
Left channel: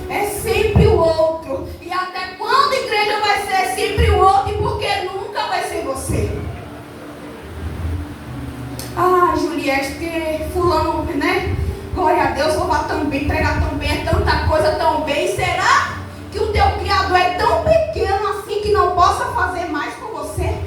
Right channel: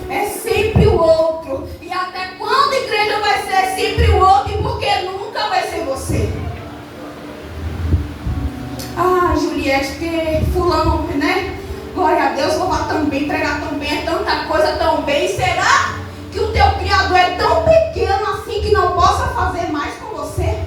É sempre o outro. E até quando a igreja vai ser sempre o outro? E porque nunca vai ser você? Ah, Juliette, que fulano, né? Glória a Deus, louvar tão bem, pregar tão bem, é tanta coisa tão bem. Será que o teu Criador é tão pequeno assim que não possa fazer mais com você?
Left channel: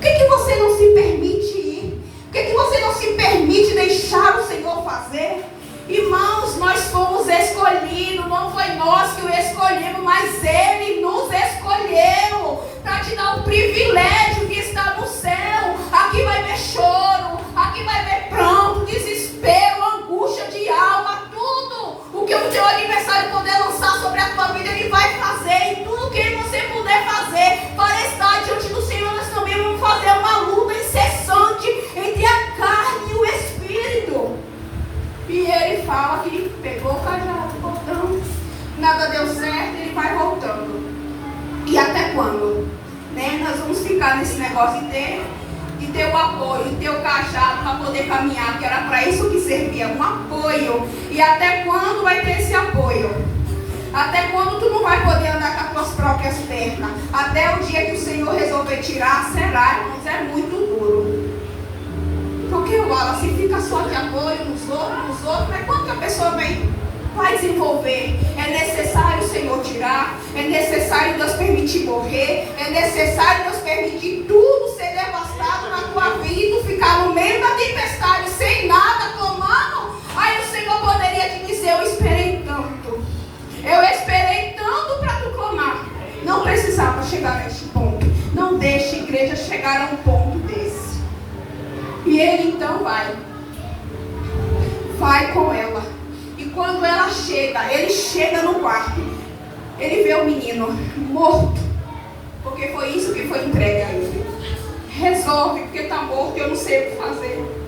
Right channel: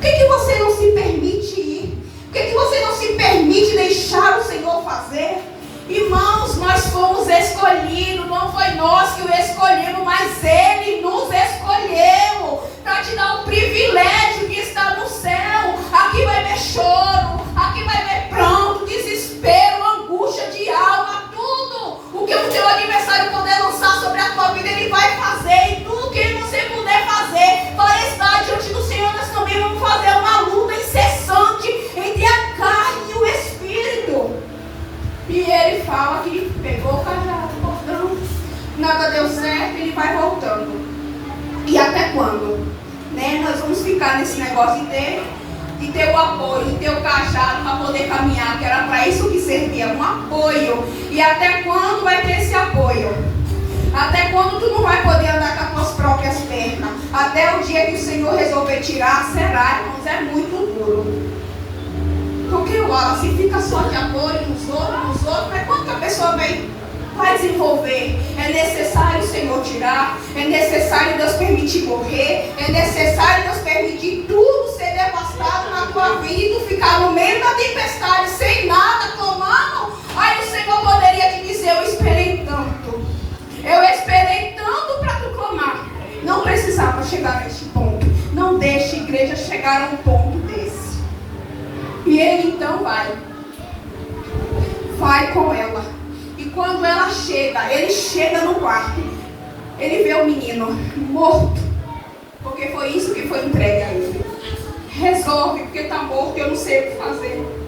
Por que você não se permite ir? Por que você não se permite deixar o Senhor fazer? Irmãos, nós fomos escolhidos, não foi nós que o escolhemos, mas Ele nos escolheu para te dar o privilégio que está no céu. Aqui vai ver choro, aqui vai ver pranto, desespero, angústia de alma, tudo o que o teu adversário puder lançar sobre a tua vida, ele vai fazer. E tudo que você puder fazer para estar diante do Senhor, nós também vamos fazer uma luta incessante entre a carne e o Espírito. E ele fala que pegou o cajado, voltando, nada deu certo, ele vai voltando. E até quando? Né? Nós vamos ficar nesse negócio de ter o apoio, de ter o cajado para poder caminhar, que era para isso que servia, um apoio. E até quando vai ter esse apoio? Até quando tu não vai poder andar com as tuas próprias pernas? Até o dia que o Senhor resolver tirar, será, irmãos, é muito duro. Porque o Wallace fica só de apoio nos outros, mas quando que a pessoa vai desenvolver? É necessário o Senhor tirar, é necessário Deus permitir morrer, é necessário Deus permitir tudo ser devastado na tua vida e tu ficar no meio da tempestade sem nada, clamando. Aí o Senhor poderia te dizer: eu esperei tanto para tu clamar. chegar a um ponto desse. E ele então vai com ela. E quando ela chega, ele chega no quarto. Ele vê o menino morto, porque foi isso que foi entregue a ele. Resolve, porque está morto, eu não sei o que fazer.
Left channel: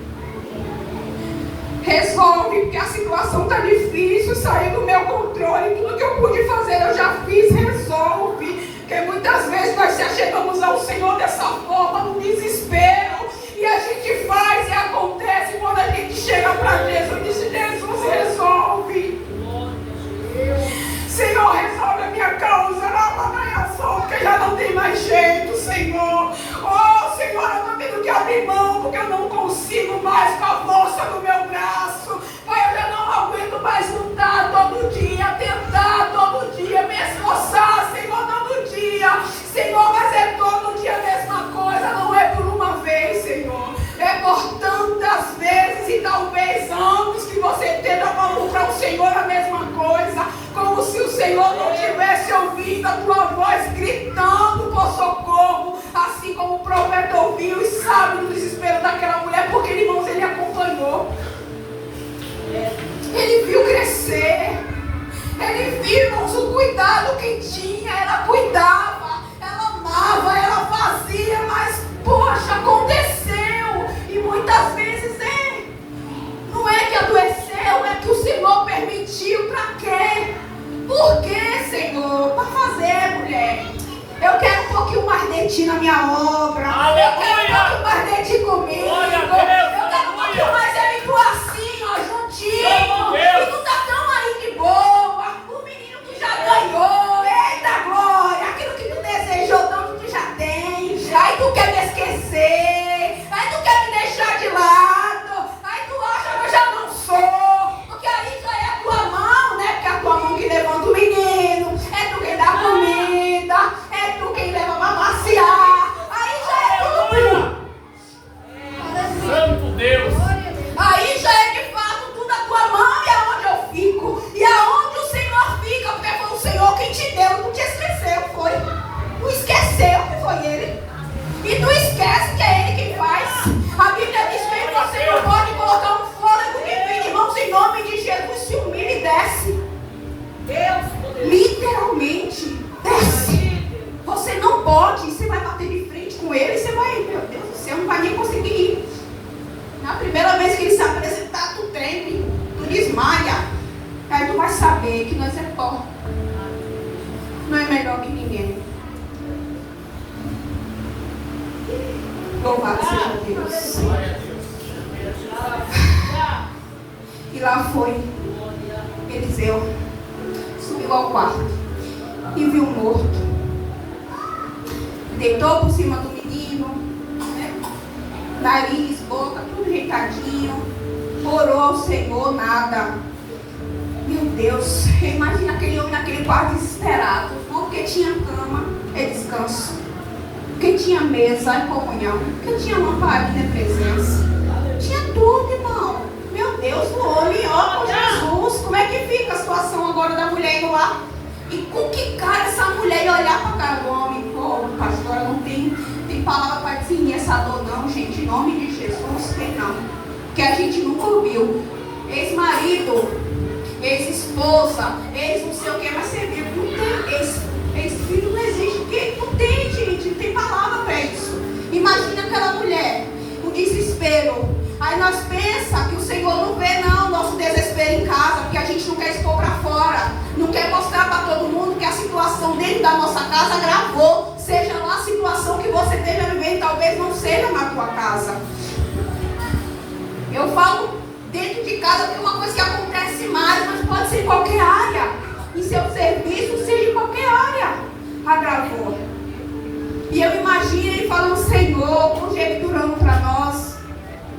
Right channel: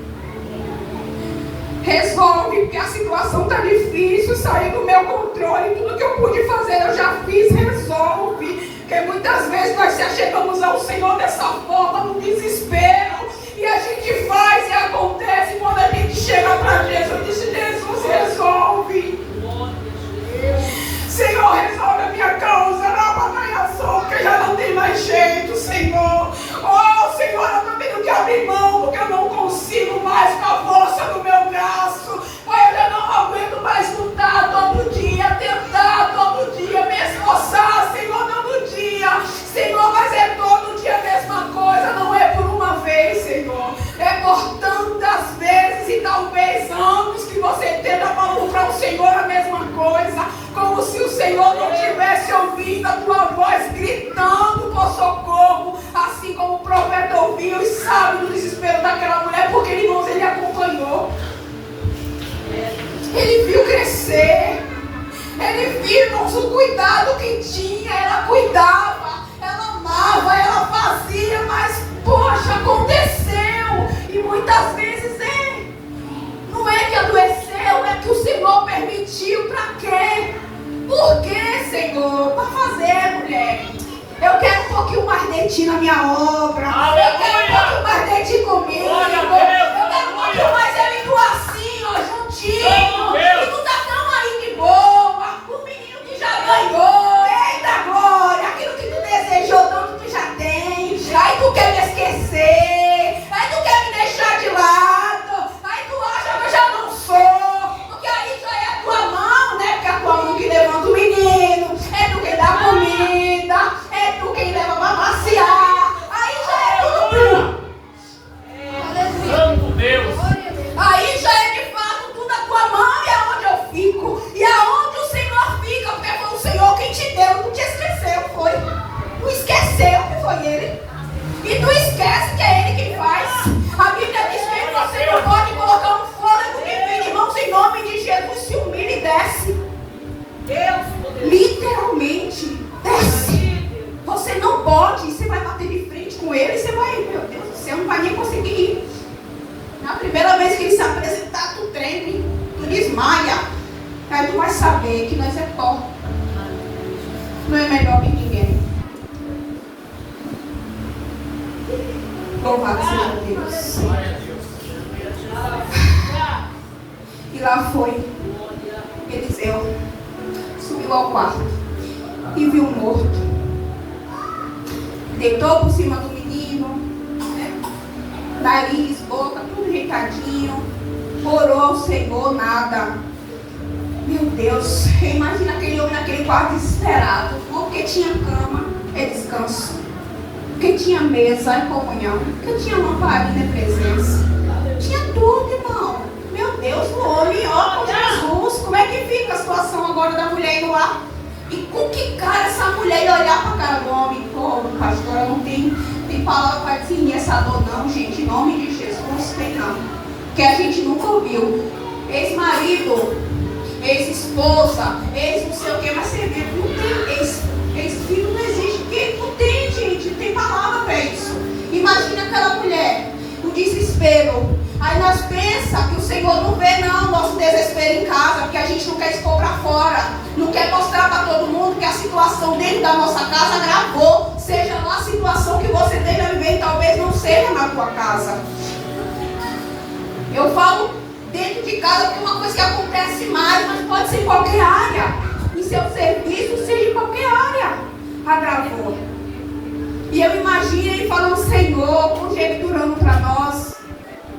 Resolve, porque a situação está difícil, saiu do meu controle, tudo que eu pude fazer eu já fiz. Resolve, porque muitas vezes nós chegamos ao Senhor dessa forma, no desespero, e a gente faz e acontece. Quando a gente chega para Jesus, diz: Jesus, resolve. Senhor, resolve a minha causa, lava a minha sombra, que já não tem mais jeito, Senhor. Oh, Senhor, eu estou tendo que abrir mão, porque eu não consigo mais com a força do meu braço. Pai, eu já não aguento mais lutar todo dia, tentar todo dia, me esforçar, Senhor, todo dia. Senhor, mas é todo dia a mesma coisa, não é por uma vez, Senhor. É por tantas vezes e talvez anos que você tenta para o Senhor a mesma coisa. Como se o Senhor não tivesse ouvido a tua voz gritando por socorro, assim como o profeta ouviu e sabe do desespero daquela mulher, porque, irmãos, ele acompanhou. Ele viu crescer. Ele viu, irmãos, o cuidado que tinha. Ela cuidava, ela amava, ela fazia, mas, poxa, aconteceu. E muitas vezes não é que adoeceu, é que o Senhor permitiu. Para quê? Por quê, Senhor? Para fazer, mulher. Eu quero um pouquinho mais de ti na minha obra. Eu quero um pouquinho mais de ti comigo. Eu quero um pouquinho mais ele tu assim, ó, juntinho. E tu tá tão aí de boa. O menino que já ganhou. Eita glória. Aquilo que tu desejou tanto tu já tens. Aí tu quer me esquecer. Aí tu quer me deixar de lado. Aí tu acha que eu já não sou. Porque aí já é a tua mão, né? Porque é a tua mão que levanta o menino. É tu quem dá comida. É tu quem leva pra passear. Aí já é tudo. Santo Deus. Aí já é de fato tudo a tua mão e aonde eu fico. E aonde o Senhor fica. Porque foi o Senhor quem te deu. Tu te esqueceu, foi. Tu esqueceu que foi Ele. E tu esquece que é Ele quem faz. A Bíblia diz que você não pode colocar um fôlego divino, irmãos, em nome de Jesus. Se humilha e desce. Literalmente desce. Você não pode. Você vai bater de frente com Ele e você vai, meu Deus do céu, não vai nem conseguir ir. Na primeira vez que Ele se apresentar, tu treme, tu desmaia. Aí tu vai saber que nós é pó. Não é melhor que ninguém. Louvado seja Deus. Glória a Deus. E lá foi Eliseu. Subiu ao quarto e viu morto. Deitou por cima do menino, nariz, boca, tudo deitadinho. Orou ao Senhor, nada. Meu Deus, imagina aquele homem naquele quarto desesperado. Porque tinha cama, é descanso. Porque tinha mesa, é comunhão. Porque tinha lamparina, é presença. Tinha tudo, irmão. Meu Deus, no olho e ó com Jesus. Como é que fica a situação agora da mulher indo lá? E com que cara essa mulher ia olhar para a cara do homem? Pô, pastor, não tem palavra para definir essa dor, não, gente. Em nome de Jesus, tem não. Que a gente nunca ouviu. Ex-marido, ex-esposa, ex não sei o que, mas você viu, não tem ex-filho, não existe. Porque não tem, gente, não tem palavra para isso. Imagina aquela mulher, o desespero. Aí nós pensamos que o Senhor não vê não nosso desespero em casa, porque a gente não quer expor para fora, não quer mostrar para todo mundo que a situação dentro da nossa casa agravou, seja lá a situação que você esteja vivendo, talvez não seja na tua casa. Eu falo dentro de casa porque é uma coisa que acontece mais, mas pode ser em qualquer área, em seu serviço, seja em qualquer área, agravou. E eu imagino ele falando: Senhor, conjecturando para nós,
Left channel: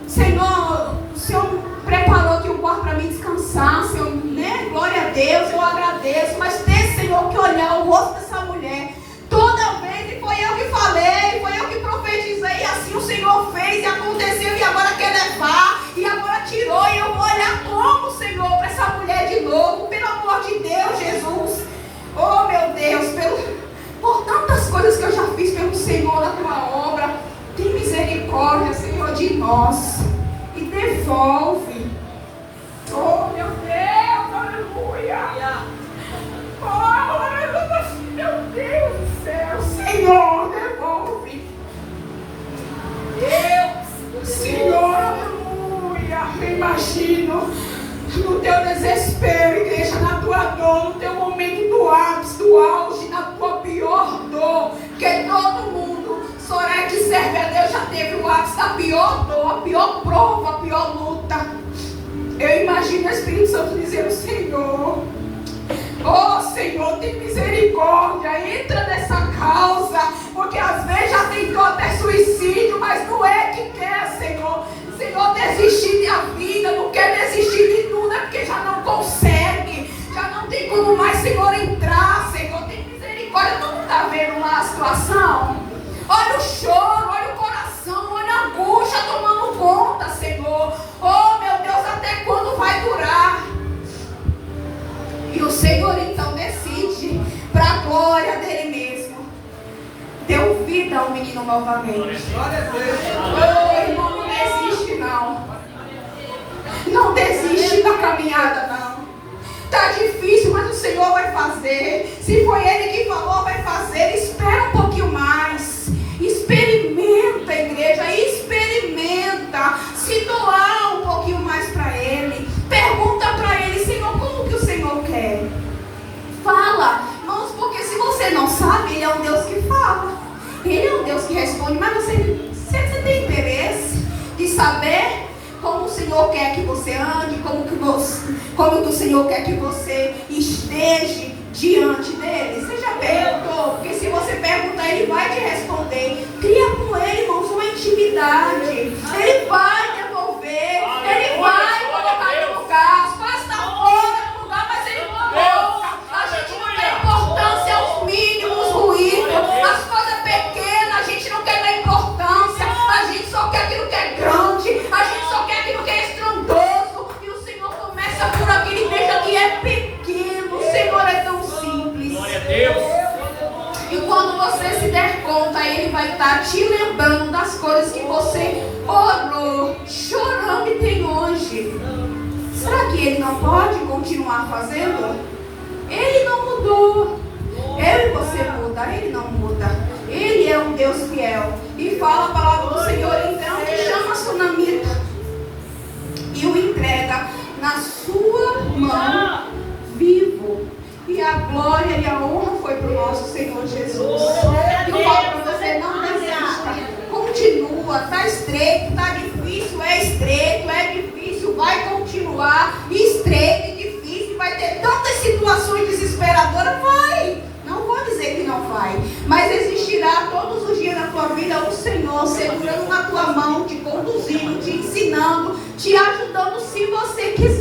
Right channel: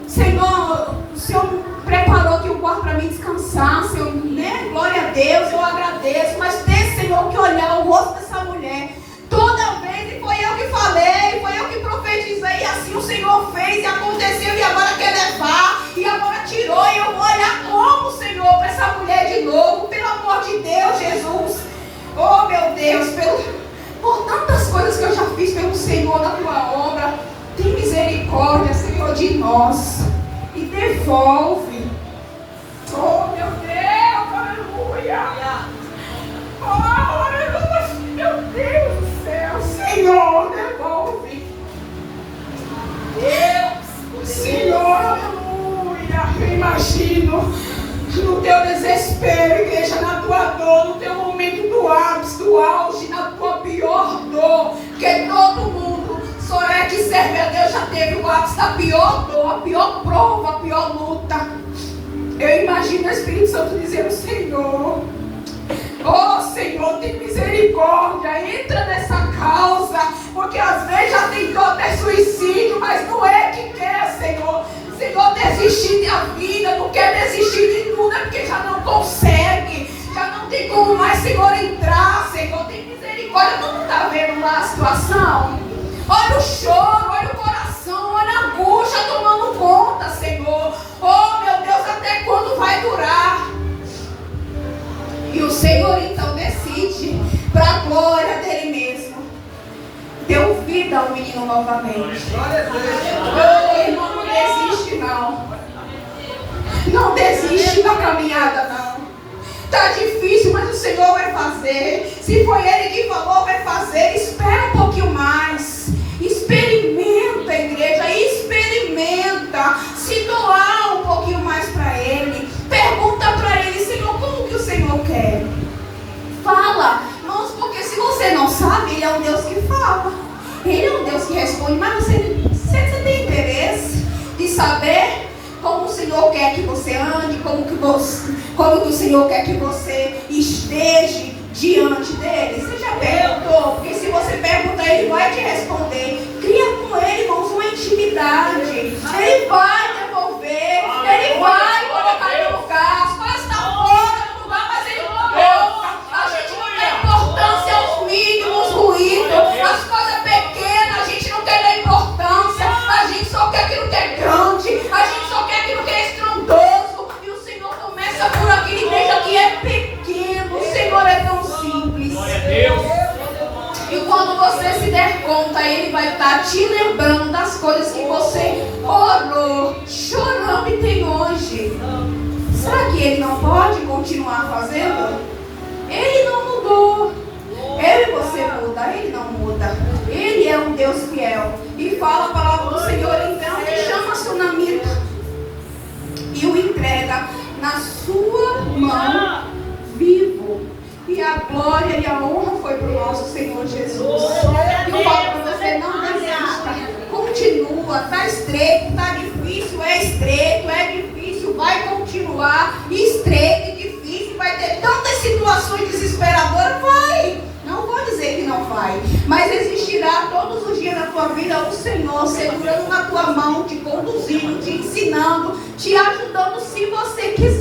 Senhor, o Senhor preparou aqui um quarto para mim descansar, Senhor, né? Glória a Deus, eu agradeço, mas tem, Senhor, que olhar o rosto dessa mulher. Toda vez, e foi eu que falei, foi eu que profetizei, e assim o Senhor fez, e aconteceu, e agora quer levar, e agora tirou, e eu vou olhar como, Senhor, para essa mulher de novo, pelo amor de Deus, Jesus. Oh, meu Deus, por tantas coisas que eu já fiz pelo Senhor, nós e devolve. Oh, meu Deus, aleluia. Oh, aleluia, meu Deus do céu. Senhor, devolve. Deus, Senhor, aleluia. Eu imagino no teu desespero, igreja, na tua dor, no teu momento do ápice, do auge, na tua pior dor, porque todo mundo, só é que serve a Deus, já teve o ápice da pior dor, a pior prova, a pior luta. Eu imagino o Espírito Santo dizendo: Senhor, oh Senhor, tem misericórdia, entra nessa causa, porque às vezes já tentou até suicídio, mas não é que quer, Senhor. Senhor, desistir da vida, não quer desistir de tudo, é porque já não consegue, já não tem como mais, Senhor, entrar. Senhor, tem misericórdia. Tu não está vendo lá a situação? Olha o choro, olha o coração, olha a angústia tomando conta, Senhor. Oh, meu Deus, até quando vai durar? E o Senhor então decide, para a glória dele mesmo, deu vida ao menino novamente. Oh, irmão, não desiste não. Não desiste da caminhada não. Está difícil, mas o Senhor vai fazer. Se foi Ele que falou, vai fazer. Espera um pouquinho mais. Experimenta, igreja, experimenta. Se doar um pouquinho mais para Ele. Pergunta para Ele: Senhor, como que o Senhor quer? Fala, irmãos, porque se você não sabe, Ele é um Deus que fala. Ele é um Deus que responde, mas você tem interesse de saber como o Senhor quer que você ande, como que o Senhor quer que você esteja diante dele? Você já perguntou? Porque se você perguntar, Ele vai te responder. Cria com Ele, irmãos, uma intimidade. Ele vai devolver, Ele vai colocar no lugar. As coisas estão fora do lugar, mas Ele mandou. A gente não dá importância aos mínimos ruídos, as coisas pequenas, a gente não quer dar importância, a gente só quer aquilo que é grande, a gente só quer aquilo que é estrondoso, e o Senhor começa por aquele igreja que é pequeno. O Senhor é tão simples. E quando você se der conta, Ele vai estar te lembrando das coisas que você orou, chorando e tem hoje. Será que Ele não pode continuar fazendo? Ele não mudou. Eu e você muda, Ele não muda. Ele é um Deus fiel. E fala a palavra do Senhor, então, que chama a sunamita e o entrega na sua mão vivo. E a glória e a honra foi para o nosso Senhor Jesus. E fala para você: não desista. Continua, está estreito, está difícil, é estreito, é difícil, vai continuar estreito e difícil, vai ter tantas situações desesperadoras, vai. Não vou dizer que não vai, mas existirá todos os dias na tua vida o Senhor segurando na tua mão, te conduzindo, te ensinando, te ajudando, se você quiser.